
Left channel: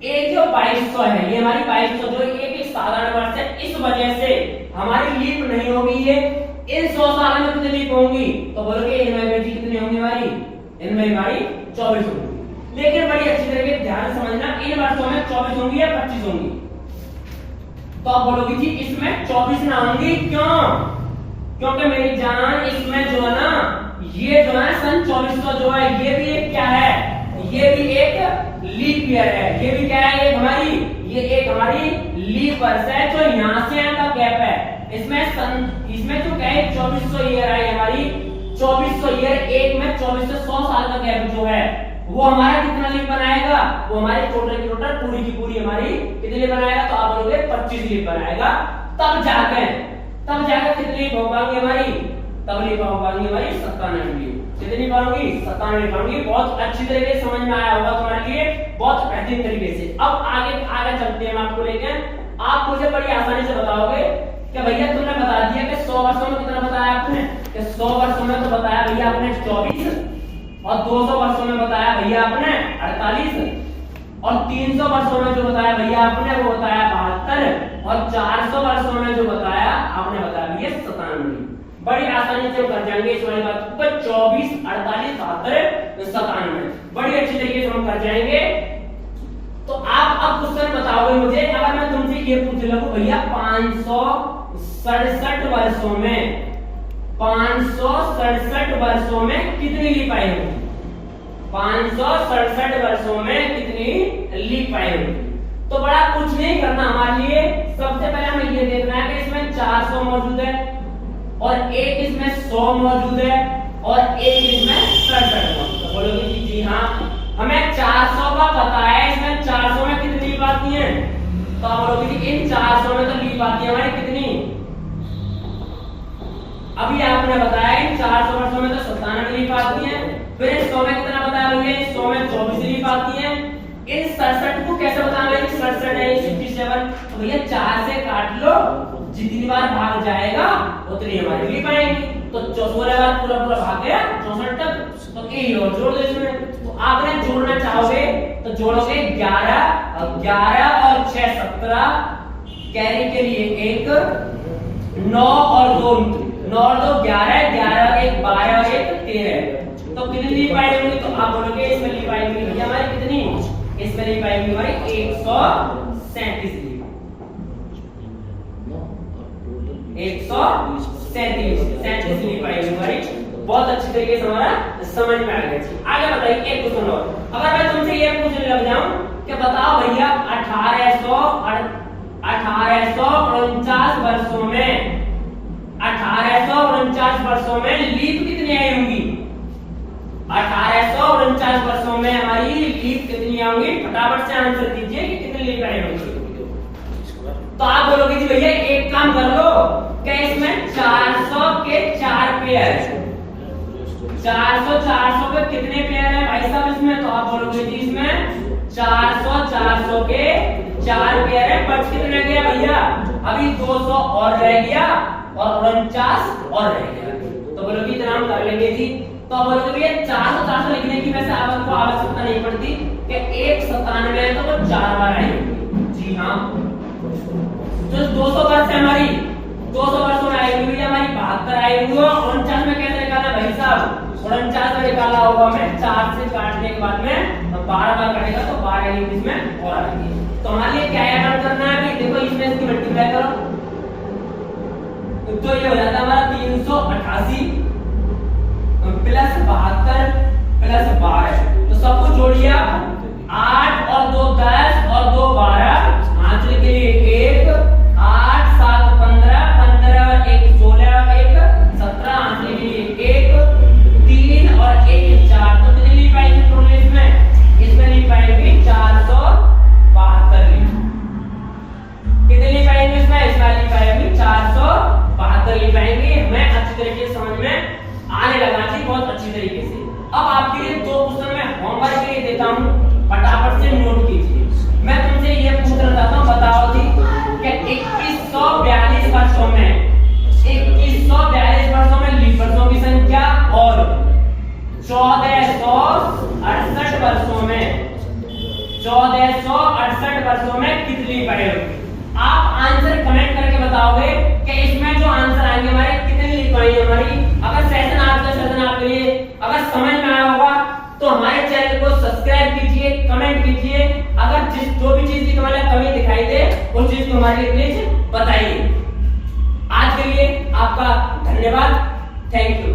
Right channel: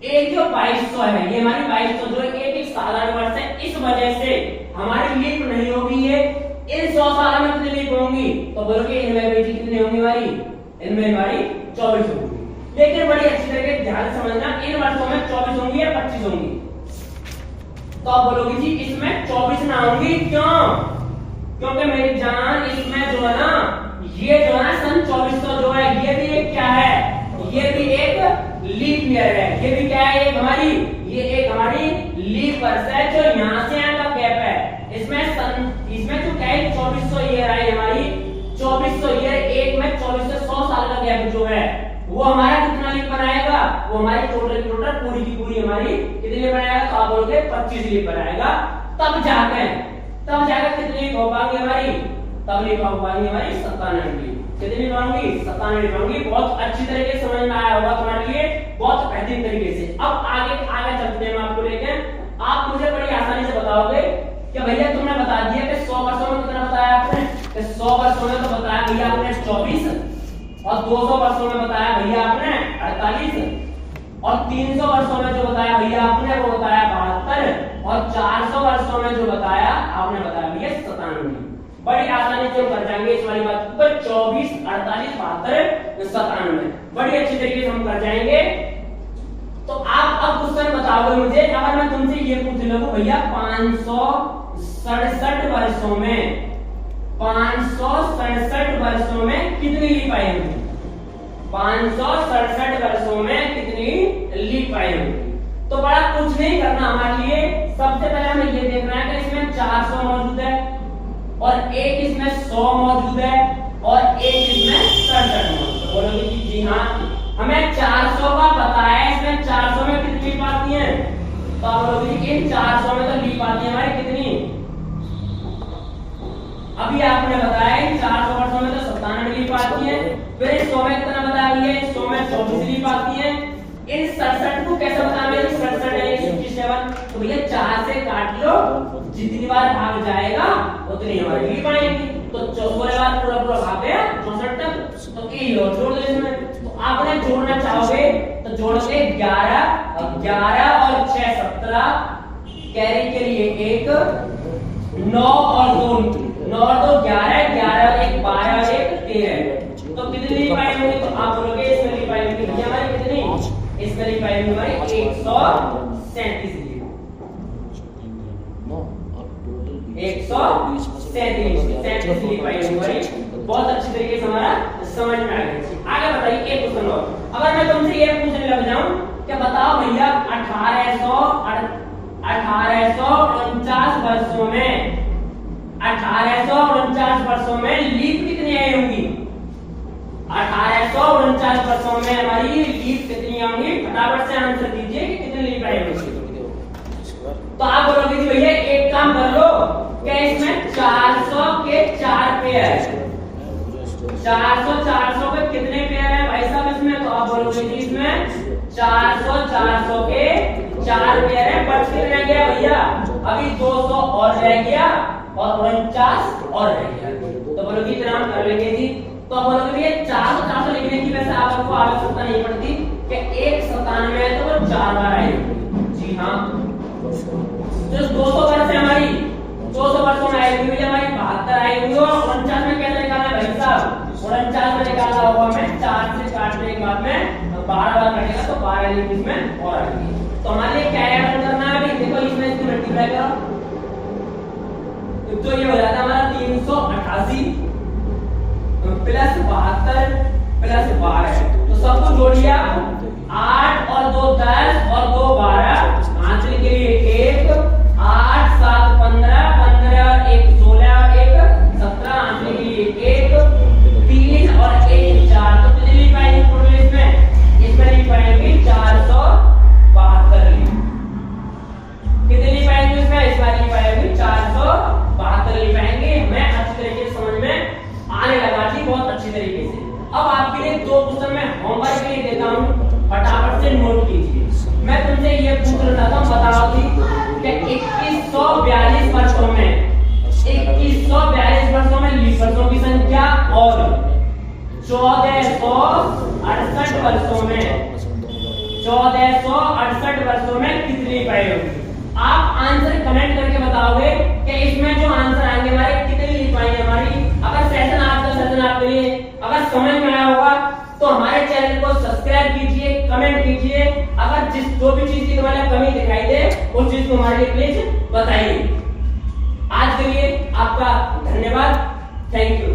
एक जो 2200 है ये हमारी 2200 जो एक साधारण वर्ष है, इस वजह से हमारी लीप नहीं होगी। ये इन 100 साल में कितनी लीप होंगी? तो बोलोगे इनमें भी कितनी होंगी हमारी? इनमें हमारी 24 होंगी। लेकिन बड़ी अच्छी तरीके से ध्यान समझना, इन वर्षों में 24 होंगी या 25 होंगी? तो आप बोलोगे जी इसमें 24 ना होंगी। क्यों? क्योंकि मेरी जान इसमें जो है ना, ये जो है सन 2400 जो है ये भी एक क्या है? ये भी एक लीप ईयर है। ये भी क्या है? ये एक हमारी लीप वर्ष है जो यहां से यहां का गैप है। इसमें जो क्या है 2400 ईयर आई हमारी, 2400 ईयर एक में 2400 100 साल का गैप जो है वो हमारा कितना लीप बनाएगा? वो हमारी टोटल की टोटल पूरी की पूरी हमारी कितनी लीप बनाएगा? तो आप बोलोगे 25 लीप बनाएगा। तब जाके कितनी लीप हो पाएंगी हमारी? तब लीप हो पाएंगी हमारी 97 लीप। कितनी पाऊंगी? 97 पाऊंगी। बहुत अच्छी तरीके से समझ में आया होगा तुम्हारे लिए, बहुत बेहतरीन तरीके से। अब आगे चलते हैं हम आपको लेके। आप मुझे बड़ी आसानी से बताओगे कि भैया तुमने बता दिया कि 100 वर्षों में कितना बताया आपने? कि 100 वर्षों में तो बताया भैया आपने 24, और 200 वर्षों में बताया भैया आपने 48, और 300 वर्षों में जो बताया भैया आपने वो बताया 72, और 400 वर्षों में जो बताया आपने बताया भैया 97। बड़ी आसानी से हम कर जाएंगे इस वाली बात को। 24, 48, 72, 97 बड़ी अच्छी तरीके से हम कर जाएंगे। तो आप अब क्वेश्चन बताओगे मुझे, अगर मैं तुमसे ये पूछ लूं भैया 567 वर्षों में कितनी लीप आई होगी? 567 वर्षों में कितनी लीप आई होगी? तो बड़ा कुछ नहीं करना हमारे लिए। सबसे पहले हमें ये देखना है कि इसमें 400 मौजूद है, और एक इसमें 100 मौजूद है, और एक इसमें 67 मौजूद है। बोलोगे जी हाँ हमें 400 का पता है, इसमें 400 में कितनी लीप आती है? तो आप बोलोगे कि इन 400 में तो लीप आती है हमारी कितनी? अभी आपने बताया इन 400 वर्षों में तो 97 लीप आती है। फिर 100 में कितना बताया भैया? 100 में 24 लीप आती है। इन 67 को कैसे बताना है? 67 है 67, तो भैया 4 से काट लो, जितनी बार भाग जाएगा उतनी हमारी लीप आएगी। तो 64 बार पूरा भाग गया 64 तक, तो ए और जोड़ दो इसमें। तो आपने जोड़ना चाहोगे तो जोड़ोगे 11 और 6 17, कैरी के लिए 1, 9 और 2 9 और 2 11, 11 1 12 1 13। तो कितनी लीप आएगी? तो आप बोलोगे इसमें लीप आएगी भैया हमारी कितनी? इसमें लीप आएगी हमारी 137 लीप। 137 लीप आएगी हमारी। बहुत अच्छी तरीके से हमारा समझ में आ गया। आगे बताइए एक क्वेश्चन और। अगर मैं तुमसे ये पूछने लग जाऊं कि बताओ भैया 1849 वर्षों में 1849 वर्षों में लीप कितनी आई होंगी? 1849 वर्षों में हमारी लीप कितनी आएंगी? फटाफट से आंसर दीजिए कि कितनी लीप आई होंगी। तो आप बोलोगे कि भैया एक काम कर लो कि इसमें 400 के 4 पेयर, 400 पे कितने पेयर है भाई साहब इसमें? तो आप बोलोगे जी इसमें 400 के 4 पेयर है। बच कितने रह गया भैया? अभी 200 और रह गया और 49 और रह गया। तो बोलोगे इतना हम कर लेंगे जी। तो आप बोलोगे भैया 400 लिखने की वैसे आपको आवश्यकता नहीं पड़ती कि 197 है तो वो 4 बार आएगी। जी हाँ, जो 200 वर्ष है हमारी 200 वर्षों में आएगी भैया हमारी 72 आएगी। और 49 में कैसे निकालना भाई साहब? 49 में निकालना होगा हमें 4 से काटने के बाद में 12 बार कटेगा तो 12 लीप इसमें और आएगी। तो हमारे लिए क्या ऐड करना है अभी? देखो इसमें इसकी मल्टीप्लाई करो तो ये हो जाता है हमारा 388 प्लस 72 प्लस 12। तो सबको जोड़िए आप। 8 और 2 10 और 2 12, आंसर के लिए 1, 8 7 15, 15 और 1 16, 1 17, आंसर के लिए 1, 3 और 1 4। तो कितनी लीप आएगी टोटल इसमें लीप आएगी 472 लीप। कितनी लीप आएगी इसमें? इसमें लीप आएगी 472 लीप आएंगे। हमें अच्छी तरीके से समझ में आने लगा थी, बहुत अच्छी तरीके से। अब आपके लिए 2 क्वेश्चन में होमवर्क के लिए देता हूं, फटाफट से नोट कीजिए। मैं तुमसे ये पूछना चाहता हूं, बताओ कि 2142 वर्षों में 2142 वर्षों में लीप वर्षों की संख्या और 1468 वर्षों में 1468 वर्षों में कितनी लीप आई होगी? आप आंसर कमेंट करके बताओगे कि इसमें जो आंसर आएंगे हमारे कितनी लीप आई हमारी। अगर सेशन आपके लिए अगर समझ में आया होगा तो हमारे चैनल को सब्सक्राइब कीजिए, कमेंट कीजिए। अगर जो भी चीज की हमें कमी दिखाई दे उस चीज को हमारे लिए प्लीज बताइए। आज के लिए आपका धन्यवाद, थैंक यू।